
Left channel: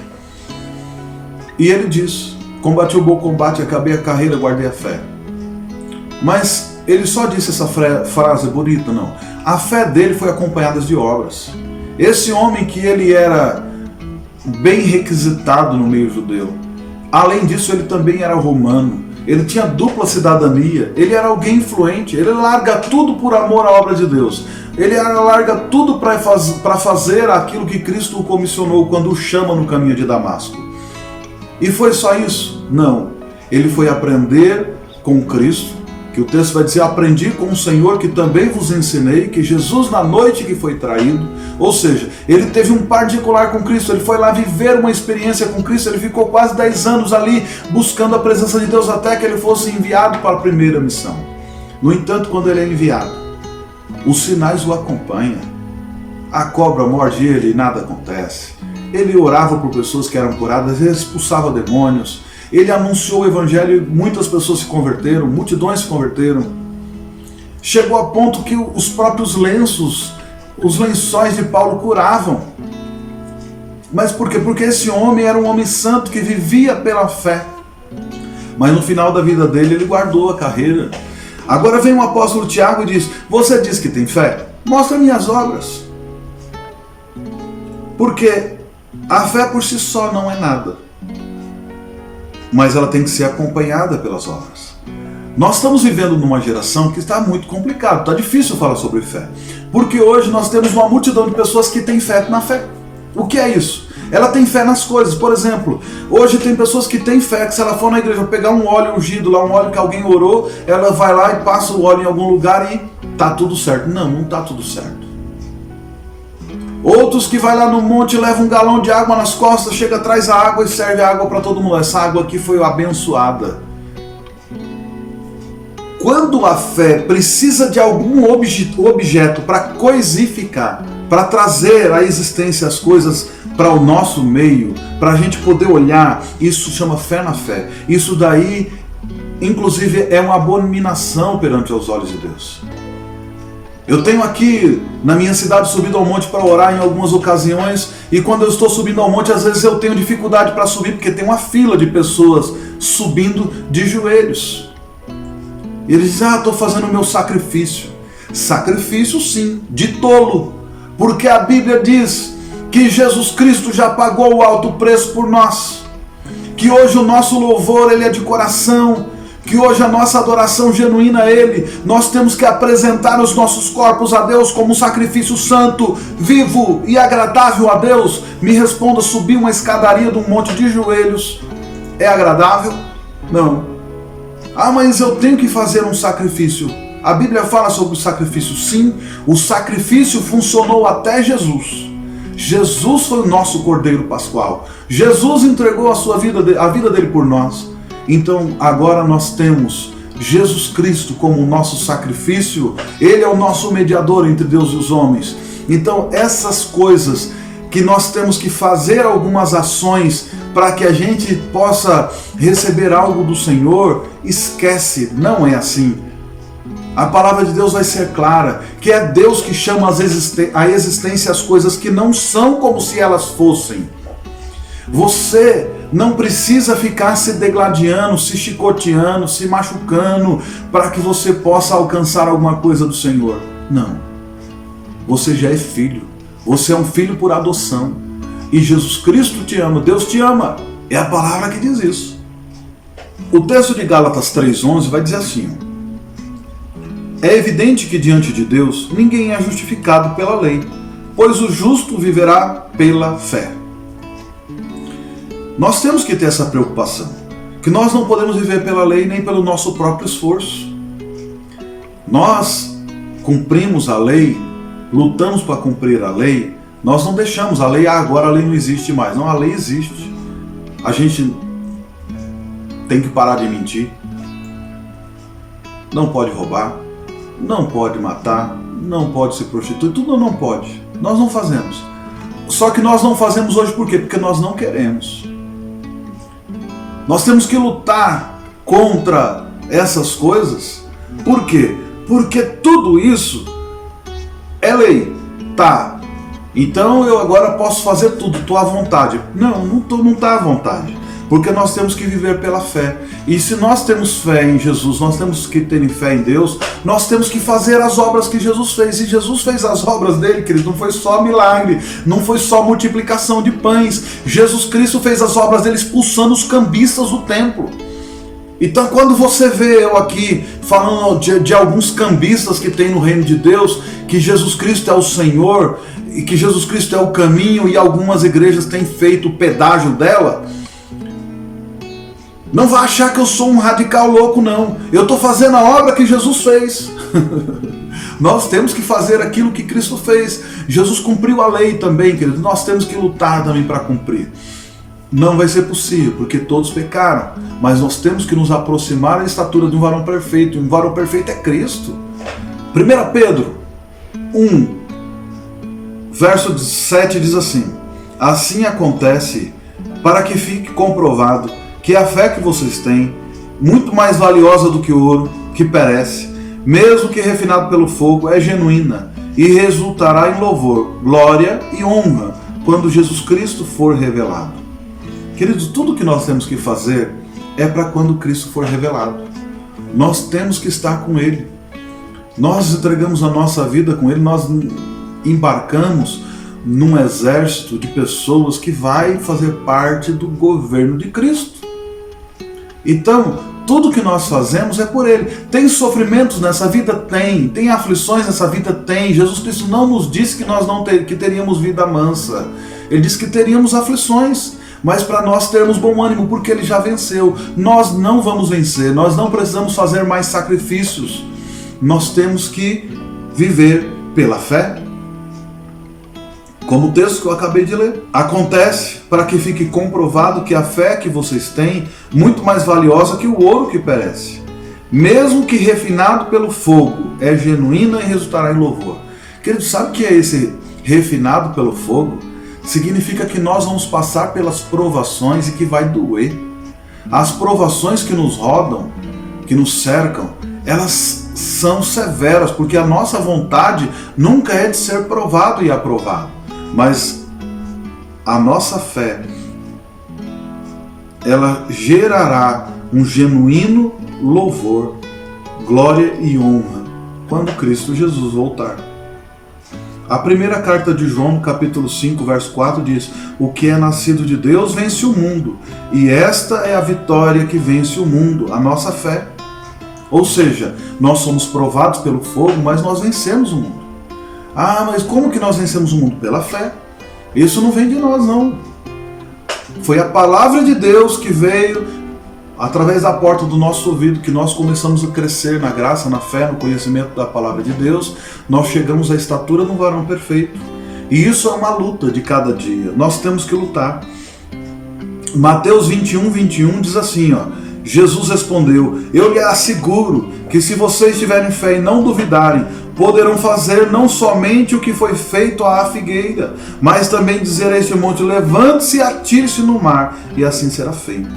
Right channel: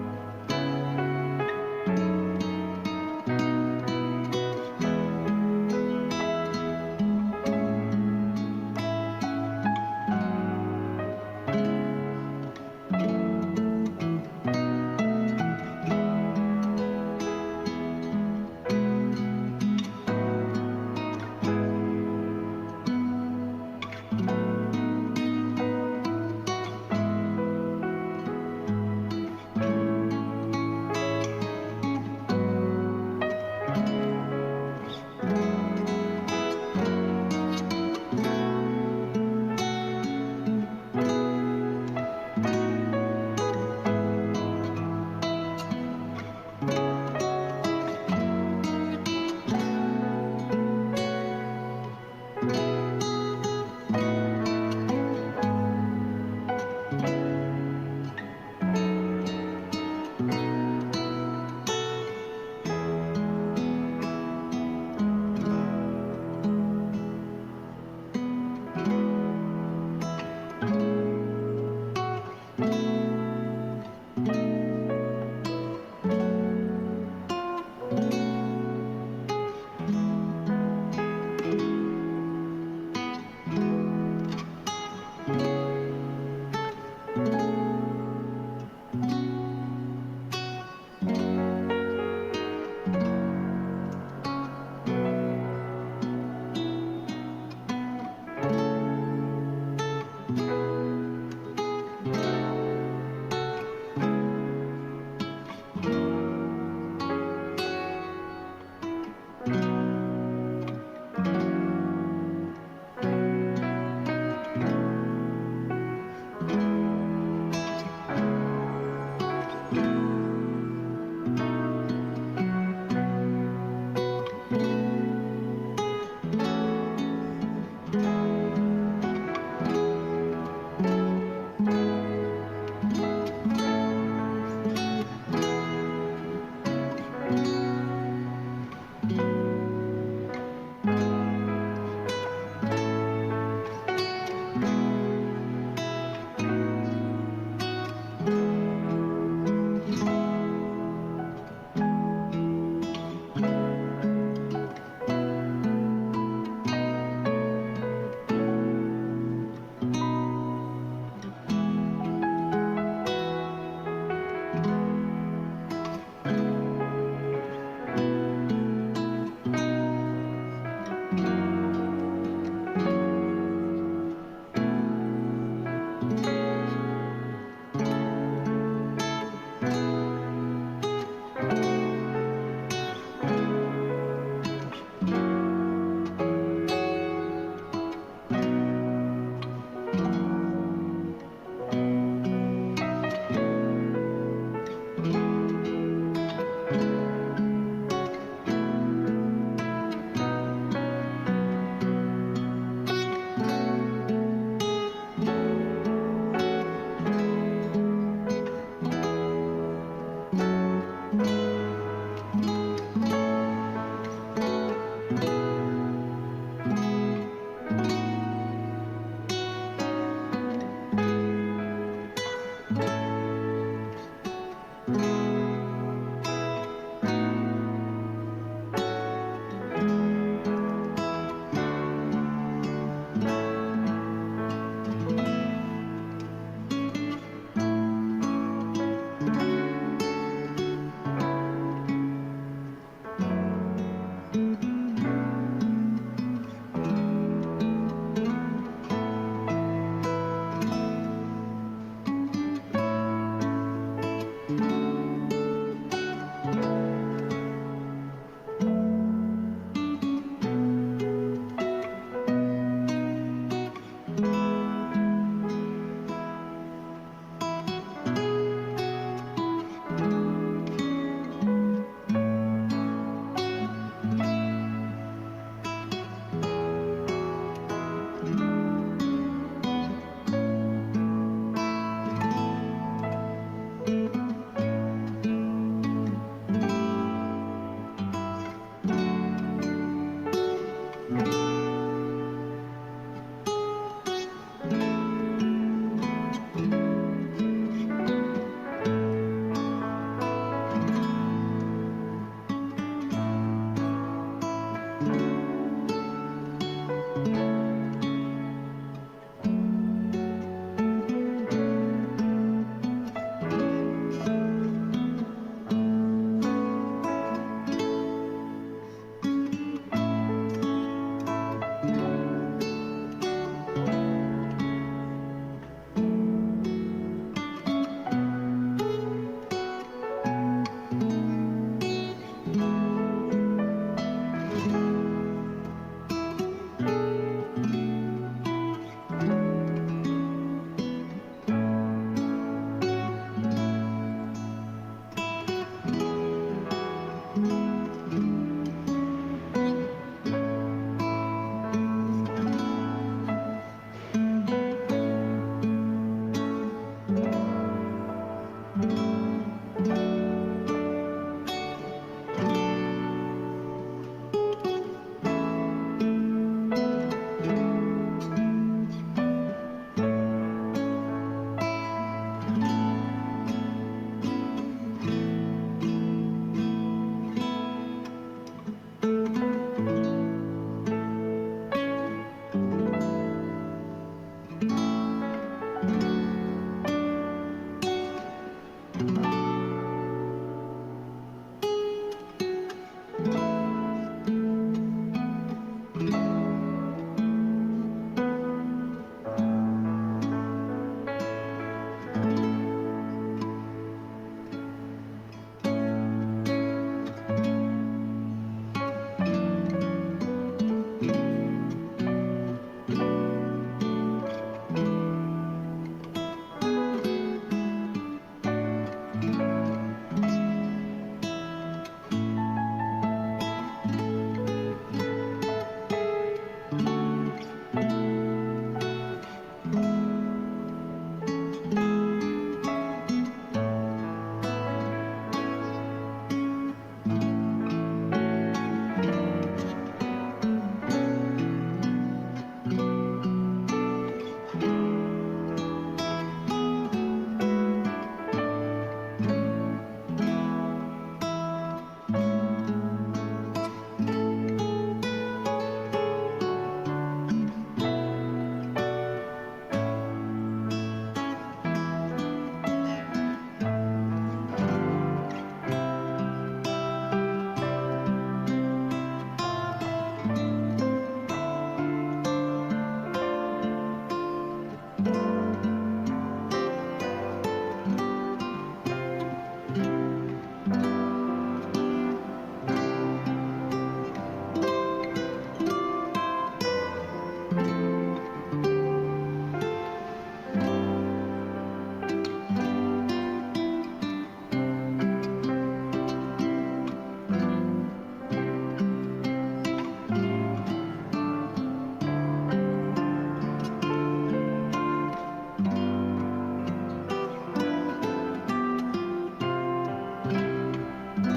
E ele diz, combati o bom combate, acabei a carreira, guardei a fé. Mas ele só disse essa frase bonita, não. A fé dele foi acompanhada de obras. Esse homem que ele era bem requisitado no meio judeu, além disso ele também era romano. Ele tinha dupla cidadania, ele era alguém influente, ele larga tudo por amor à obra de Deus. Ele larga tudo para fazer aquilo que Cristo o comissionou quando o chama no caminho de Damasco. E foi só isso? Não. Ele foi aprender com Cristo, que o texto vai dizer, aprendi com o Senhor que também vos ensinei, que Jesus na noite que foi traído, ou seja, ele teve um particular com Cristo, ele foi lá viver uma experiência com Cristo, ele ficou quase 10 anos ali buscando a presença de Deus até que ele fosse enviado para a primeira missão. No entanto, quando ele é enviado, os sinais o acompanham, a cobra morde ele e nada acontece, ele orava por pessoas que eram curadas, ele expulsava demônios, ele anunciou o evangelho e muitas pessoas se converteram, multidões se converteram. Chegou a ponto que os próprios lençóis de Paulo curavam. Mas por quê? Porque esse homem era um homem santo que vivia pela fé. mas no final da vida dele ele guardou a carreira. Agora vem o apóstolo Tiago e diz: você diz que tem fé? Mostra-me as obras. Porque a fé por si só não é nada, mas ela tem que ser acompanhada pelas obras. Nós estamos vivendo numa geração que está muito complicado, está difícil falar sobre fé, porque hoje nós temos uma multidão de pessoas que têm fé na fé. O que é isso? Ela tem fé nas coisas. Por exemplo, hoje tem pessoas que têm fé que se ela for na igreja pegar um óleo ungido lá, um óleo que alguém orou, ela vai lá e passa o óleo em algum lugar e tá tudo certo. Não, não tá tudo certo. Outros que vai lá no monte, leva um galão de água nas costas, chega, traz a água e serve a água para todo mundo. Essa água aqui foi abençoada. Quando a fé precisa de algum objeto para coisificar, para trazer à existência as coisas para o nosso meio, para a gente poder olhar, isso chama fé na fé. Isso daí, inclusive, é uma abominação perante os olhos de Deus. Eu tenho aqui na minha cidade subido ao monte para orar em algumas ocasiões, e quando eu estou subindo ao monte, às vezes eu tenho dificuldade para subir, porque tem uma fila de pessoas subindo de joelhos. E eles dizem: estou fazendo o meu sacrifício. Sacrifício sim, de tolo, porque a Bíblia diz que Jesus Cristo já pagou o alto preço por nós, que hoje o nosso louvor ele é de coração, que hoje a nossa adoração genuína a Ele, nós temos que apresentar os nossos corpos a Deus como um sacrifício santo, vivo e agradável a Deus. Me responda: subir uma escadaria de um monte de joelhos é agradável? Não. Ah, mas eu tenho que fazer um sacrifício. A Bíblia fala sobre o sacrifício, sim. O sacrifício funcionou até Jesus. Jesus foi o nosso Cordeiro Pascual. Jesus entregou a vida dele por nós. Então agora nós temos Jesus Cristo como o nosso sacrifício. Ele é o nosso mediador entre Deus e os homens. Então essas coisas que nós temos que fazer algumas ações para que a gente possa receber algo do Senhor, esquece, não é assim. A palavra de Deus vai ser clara, que é Deus que chama à existência as coisas que não são como se elas fossem. Você não precisa ficar se degladiando, se chicoteando, se machucando para que você possa alcançar alguma coisa do Senhor. Não. Você já é filho. Você é um filho por adoção. E Jesus Cristo te ama. Deus te ama. É a palavra que diz isso. O texto de Gálatas 3:11 vai dizer assim: é evidente que diante de Deus ninguém é justificado pela lei, pois o justo viverá pela fé. Nós temos que ter essa preocupação, que nós não podemos viver pela lei nem pelo nosso próprio esforço. Nós cumprimos a lei, lutamos para cumprir a lei, nós não deixamos a lei, agora a lei não existe mais. Não, a lei existe. A gente tem que parar de mentir, não pode roubar, não pode matar, não pode se prostituir, tudo não pode. Nós não fazemos. Só que nós não fazemos hoje por quê? Porque nós não queremos. Nós temos que lutar contra essas coisas. Por quê? Porque tudo isso é lei. Tá. Então eu agora posso fazer tudo, estou à vontade. Não está à vontade. Porque nós temos que viver pela fé. E se nós temos fé em Jesus, nós temos que ter fé em Deus, nós temos que fazer as obras que Jesus fez. E Jesus fez as obras dele, querido, não foi só milagre, não foi só multiplicação de pães. Jesus Cristo fez as obras dele expulsando os cambistas do templo. Então quando você vê eu aqui falando de alguns cambistas que tem no reino de Deus, que Jesus Cristo é o Senhor, e que Jesus Cristo é o caminho, e algumas igrejas têm feito o pedágio dela, não vai achar que eu sou um radical louco, não. Eu estou fazendo a obra que Jesus fez. Nós temos que fazer aquilo que Cristo fez. Jesus cumpriu a lei também, querido. Nós temos que lutar também para cumprir. Não vai ser possível, porque todos pecaram. Mas nós temos que nos aproximar da estatura de um varão perfeito. Um varão perfeito é Cristo. 1 Pedro 1, verso 7 diz assim: assim acontece para que fique comprovado que a fé que vocês têm, muito mais valiosa do que o ouro, que perece, mesmo que refinado pelo fogo, é genuína e resultará em louvor, glória e honra quando Jesus Cristo for revelado. Queridos, tudo que nós temos que fazer é para quando Cristo for revelado. Nós temos que estar com Ele. Nós entregamos a nossa vida com Ele, nós embarcamos num exército de pessoas que vai fazer parte do governo de Cristo. Então, tudo que nós fazemos é por Ele. Tem sofrimentos nessa vida? Tem. Tem aflições nessa vida? Tem. Jesus Cristo não nos disse que nós que teríamos vida mansa. Ele disse que teríamos aflições, mas para nós termos bom ânimo, porque Ele já venceu. Nós não vamos vencer, nós não precisamos fazer mais sacrifícios. Nós temos que viver pela fé. Como o texto que eu acabei de ler. Acontece para que fique comprovado que a fé que vocês têm é muito mais valiosa que o ouro que perece. Mesmo que refinado pelo fogo, é genuína e resultará em louvor. Querido, sabe o que é esse refinado pelo fogo? Significa que nós vamos passar pelas provações e que vai doer. As provações que nos rodam, que nos cercam, elas são severas, porque a nossa vontade nunca é de ser provado e aprovado. Mas a nossa fé, ela gerará um genuíno louvor, glória e honra quando Cristo Jesus voltar. A primeira carta de João, capítulo 5, verso 4 diz: o que é nascido de Deus vence o mundo, e esta é a vitória que vence o mundo, a nossa fé. Ou seja, nós somos provados pelo fogo, mas nós vencemos o mundo. Ah, mas como que nós vencemos o mundo? Pela fé. Isso não vem de nós, não. Foi a palavra de Deus que veio através da porta do nosso ouvido, que nós começamos a crescer na graça, na fé, no conhecimento da palavra de Deus. Nós chegamos à estatura do varão perfeito. E isso é uma luta de cada dia. Nós temos que lutar. Mateus 21, 21 diz assim, ó. Jesus respondeu: eu lhe asseguro que se vocês tiverem fé e não duvidarem, poderão fazer não somente o que foi feito à figueira, mas também dizer a este monte: levante-se e atire-se no mar, e assim será feito.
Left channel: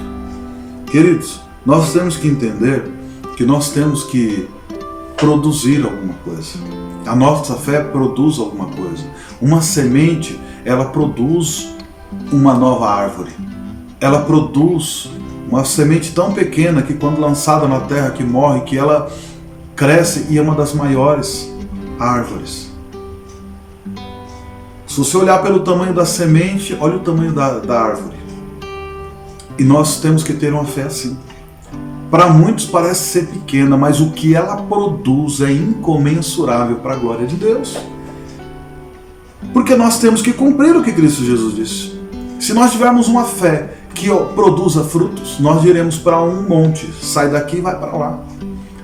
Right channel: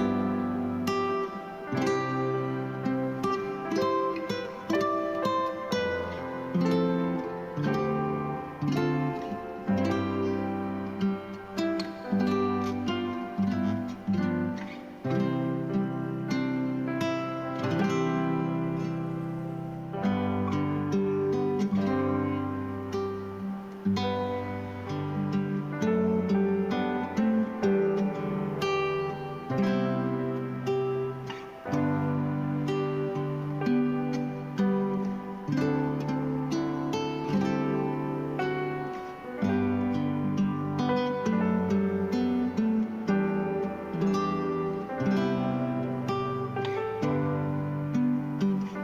Queridos, nós temos que entender que nós temos que produzir alguma coisa. A nossa fé produz alguma coisa. Uma semente, ela produz uma nova árvore. Ela produz uma semente tão pequena que quando lançada na terra que morre, que ela cresce e é uma das maiores árvores. Se você olhar pelo tamanho da semente, olha o tamanho da árvore. E nós temos que ter uma fé assim. Para muitos parece ser pequena, mas o que ela produz é incomensurável para a glória de Deus. Porque nós temos que cumprir o que Cristo Jesus disse. Se nós tivermos uma fé que produza frutos, nós diremos para um monte: sai daqui e vai para lá.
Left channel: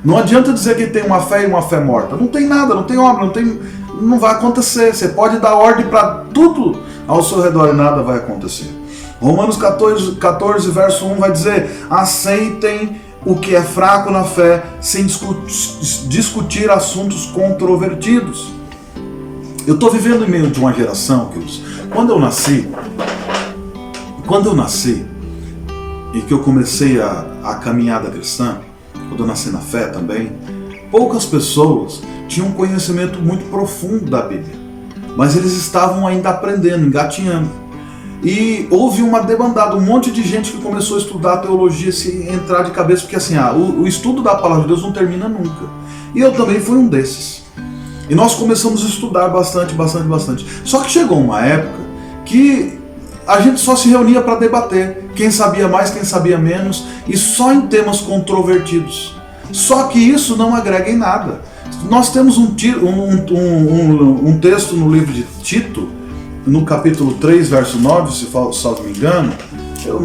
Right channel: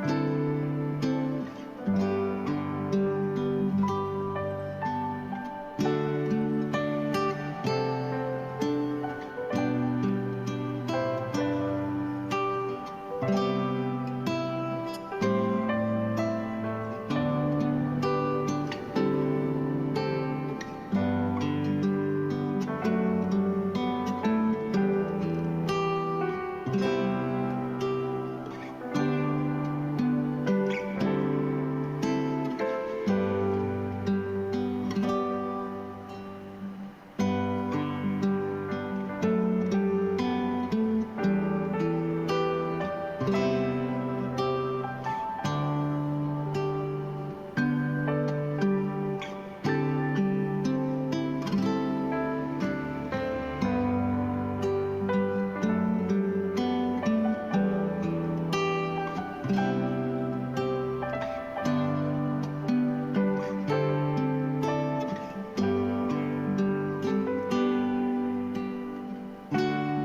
Não adianta dizer que tem uma fé e uma fé morta. Não tem nada, não tem obra, não vai acontecer. Você pode dar ordem para tudo ao seu redor e nada vai acontecer. Romanos 14, verso 1 vai dizer: aceitem o que é fraco na fé, sem discutir assuntos controvertidos. Eu estou vivendo em meio de uma geração, queridos. Quando eu nasci, e que eu comecei a caminhada cristã, quando eu nasci na fé também, poucas pessoas tinham um conhecimento muito profundo da Bíblia, mas eles estavam ainda aprendendo, engatinhando. E houve uma debandada, um monte de gente que começou a estudar a teologia, se entrar de cabeça, porque assim, o estudo da palavra de Deus não termina nunca. E eu também fui um desses. E nós começamos a estudar bastante. Só que chegou uma época que a gente só se reunia para debater, quem sabia mais, quem sabia menos, e só em temas controvertidos. Só que isso não agrega em nada. Nós temos um texto no livro de Tito, no capítulo 3, verso 9, se não me engano.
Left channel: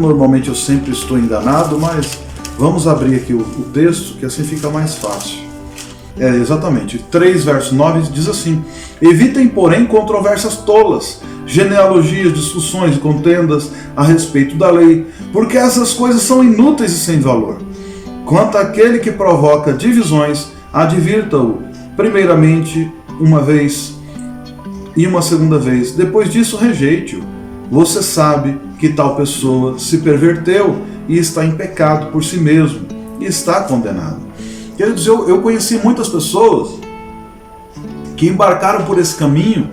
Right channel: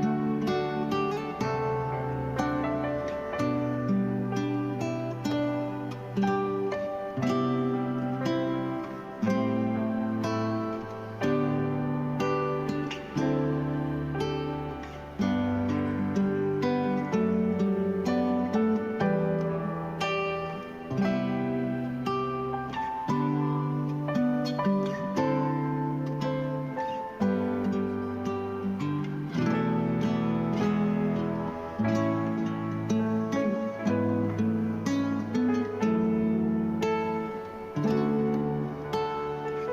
Normalmente eu sempre estou enganado, mas vamos abrir aqui o texto, que assim fica mais fácil. Exatamente, 3 verso 9 diz assim: evitem, porém, controvérsias tolas, genealogias, discussões e contendas a respeito da lei, porque essas coisas são inúteis e sem valor. Quanto àquele que provoca divisões, advirta-o primeiramente uma vez e uma segunda vez, depois disso rejeite-o. Você sabe que tal pessoa se perverteu e está em pecado por si mesmo e está condenado. Queridos, eu conheci muitas pessoas que embarcaram por esse caminho,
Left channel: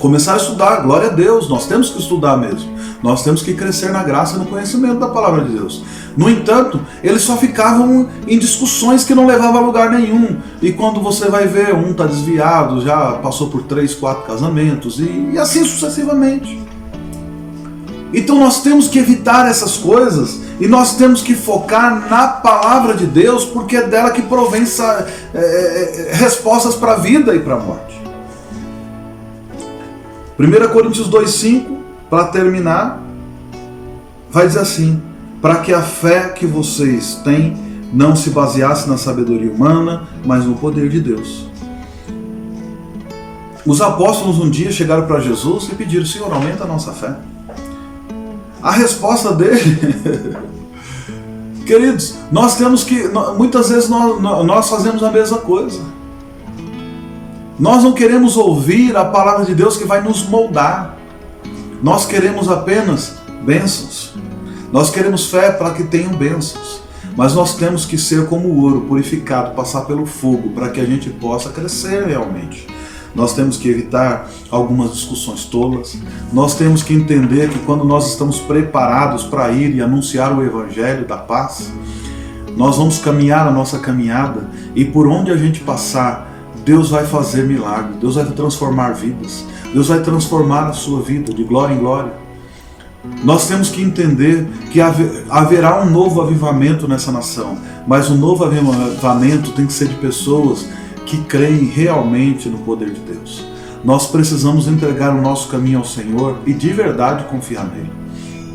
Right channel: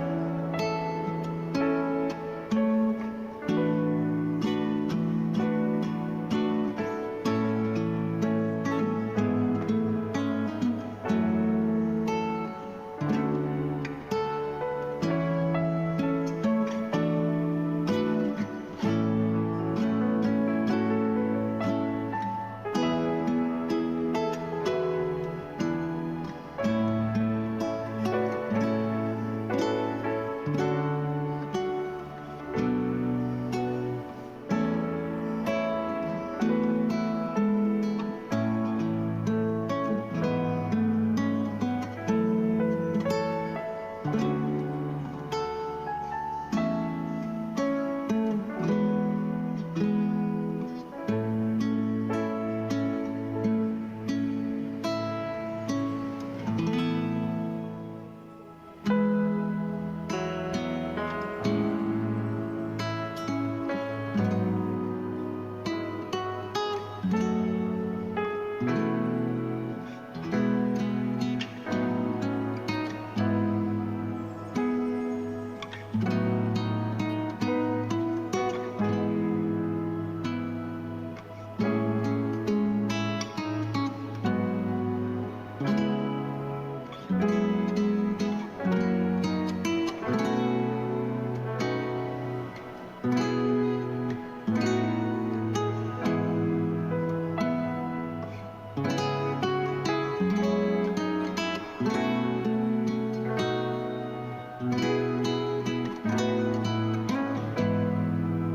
começaram a estudar. Glória a Deus, nós temos que estudar mesmo. Nós temos que crescer na graça e no conhecimento da palavra de Deus. No entanto, eles só ficavam em discussões que não levavam a lugar nenhum. E quando você vai ver, um está desviado, já passou por 3, 4 casamentos e assim sucessivamente. Então nós temos que evitar essas coisas e nós temos que focar na palavra de Deus, porque é dela que provém respostas para a vida e para a morte. 1 Coríntios 2,5, para terminar, vai dizer assim: para que a fé que vocês têm não se baseasse na sabedoria humana, mas no poder de Deus. Os apóstolos um dia chegaram para Jesus e pediram: Senhor, aumenta a nossa fé. A resposta dele, queridos, nós temos que, muitas vezes nós fazemos a mesma coisa. Nós não queremos ouvir a palavra de Deus que vai nos moldar. Nós queremos apenas bênçãos. Nós queremos fé para que tenham bênçãos. Mas nós temos que ser como o ouro purificado, passar pelo fogo, para que a gente possa crescer realmente. Nós temos que evitar algumas discussões tolas. Nós temos que entender que quando nós estamos preparados para ir e anunciar o Evangelho da paz, nós vamos caminhar a nossa caminhada e por onde a gente passar, Deus vai fazer milagre, Deus vai transformar vidas, Deus vai transformar a sua vida de glória em glória. Nós temos que entender que haverá um novo avivamento nessa nação, mas o novo avivamento tem que ser de pessoas que creem realmente no poder de Deus. Nós precisamos entregar o nosso caminho ao Senhor e de verdade confiar nele.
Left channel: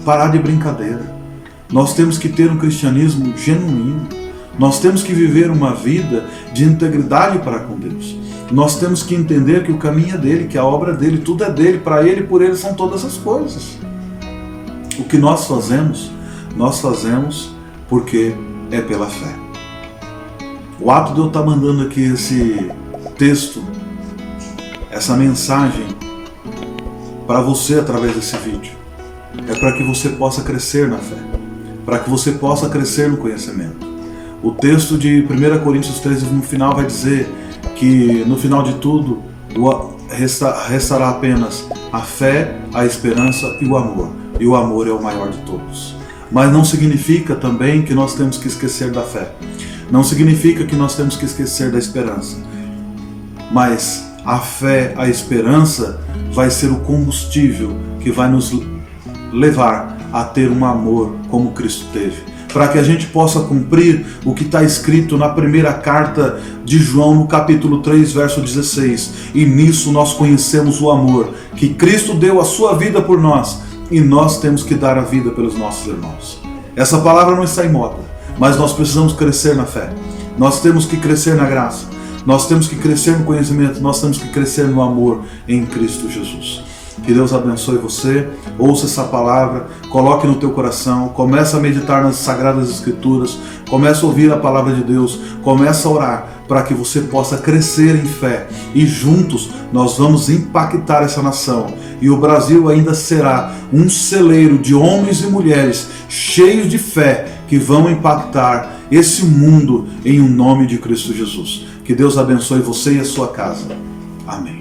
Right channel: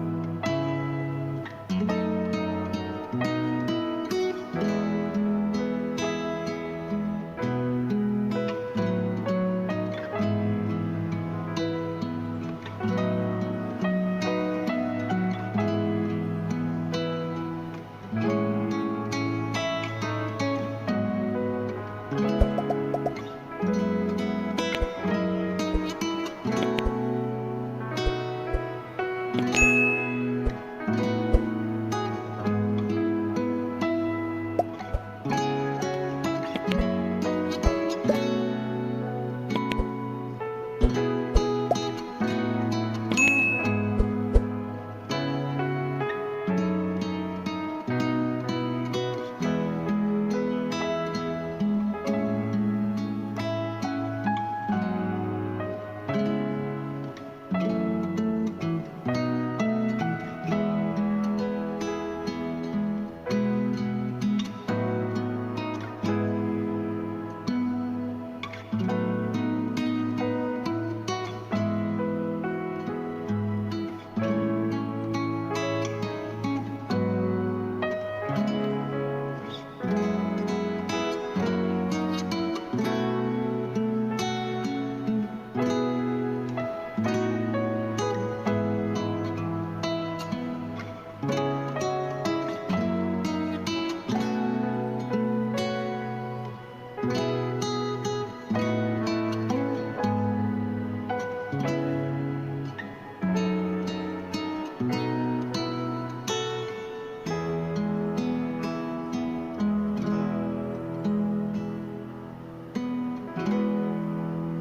Parar de brincadeira. Nós temos que ter um cristianismo genuíno. Nós temos que viver uma vida de integridade para com Deus. Nós temos que entender que o caminho é dele, que a obra é dele, tudo é dele, para ele e por ele são todas as coisas. O que nós fazemos porque é pela fé. O ato de eu estar mandando aqui esse texto, essa mensagem para você através desse vídeo, é para que você possa crescer na fé, para que você possa crescer no conhecimento. O texto de 1 Coríntios 13 no final vai dizer que no final de tudo restará apenas a fé, a esperança e o amor. E o amor é o maior de todos. Mas não significa também que nós temos que esquecer da fé. Não significa que nós temos que esquecer da esperança. Mas a fé, a esperança vai ser o combustível que vai nos levar a ter um amor como Cristo teve. Para que a gente possa cumprir o que está escrito na primeira carta de João, no capítulo 3, verso 16. E nisso nós conhecemos o amor, que Cristo deu a sua vida por nós, e nós temos que dar a vida pelos nossos irmãos. Essa palavra não está em moda. Mas nós precisamos crescer na fé, nós temos que crescer na graça, nós temos que crescer no conhecimento, nós temos que crescer no amor em Cristo Jesus. Que Deus abençoe você, ouça essa palavra, coloque no teu coração, comece a meditar nas Sagradas Escrituras, comece a ouvir a palavra de Deus, comece a orar para que você possa crescer em fé e juntos nós vamos impactar essa nação e o Brasil ainda será um celeiro de homens e mulheres cheios de fé que vão impactar esse mundo em nome de Cristo Jesus. Que Deus abençoe você e a sua casa. Amém.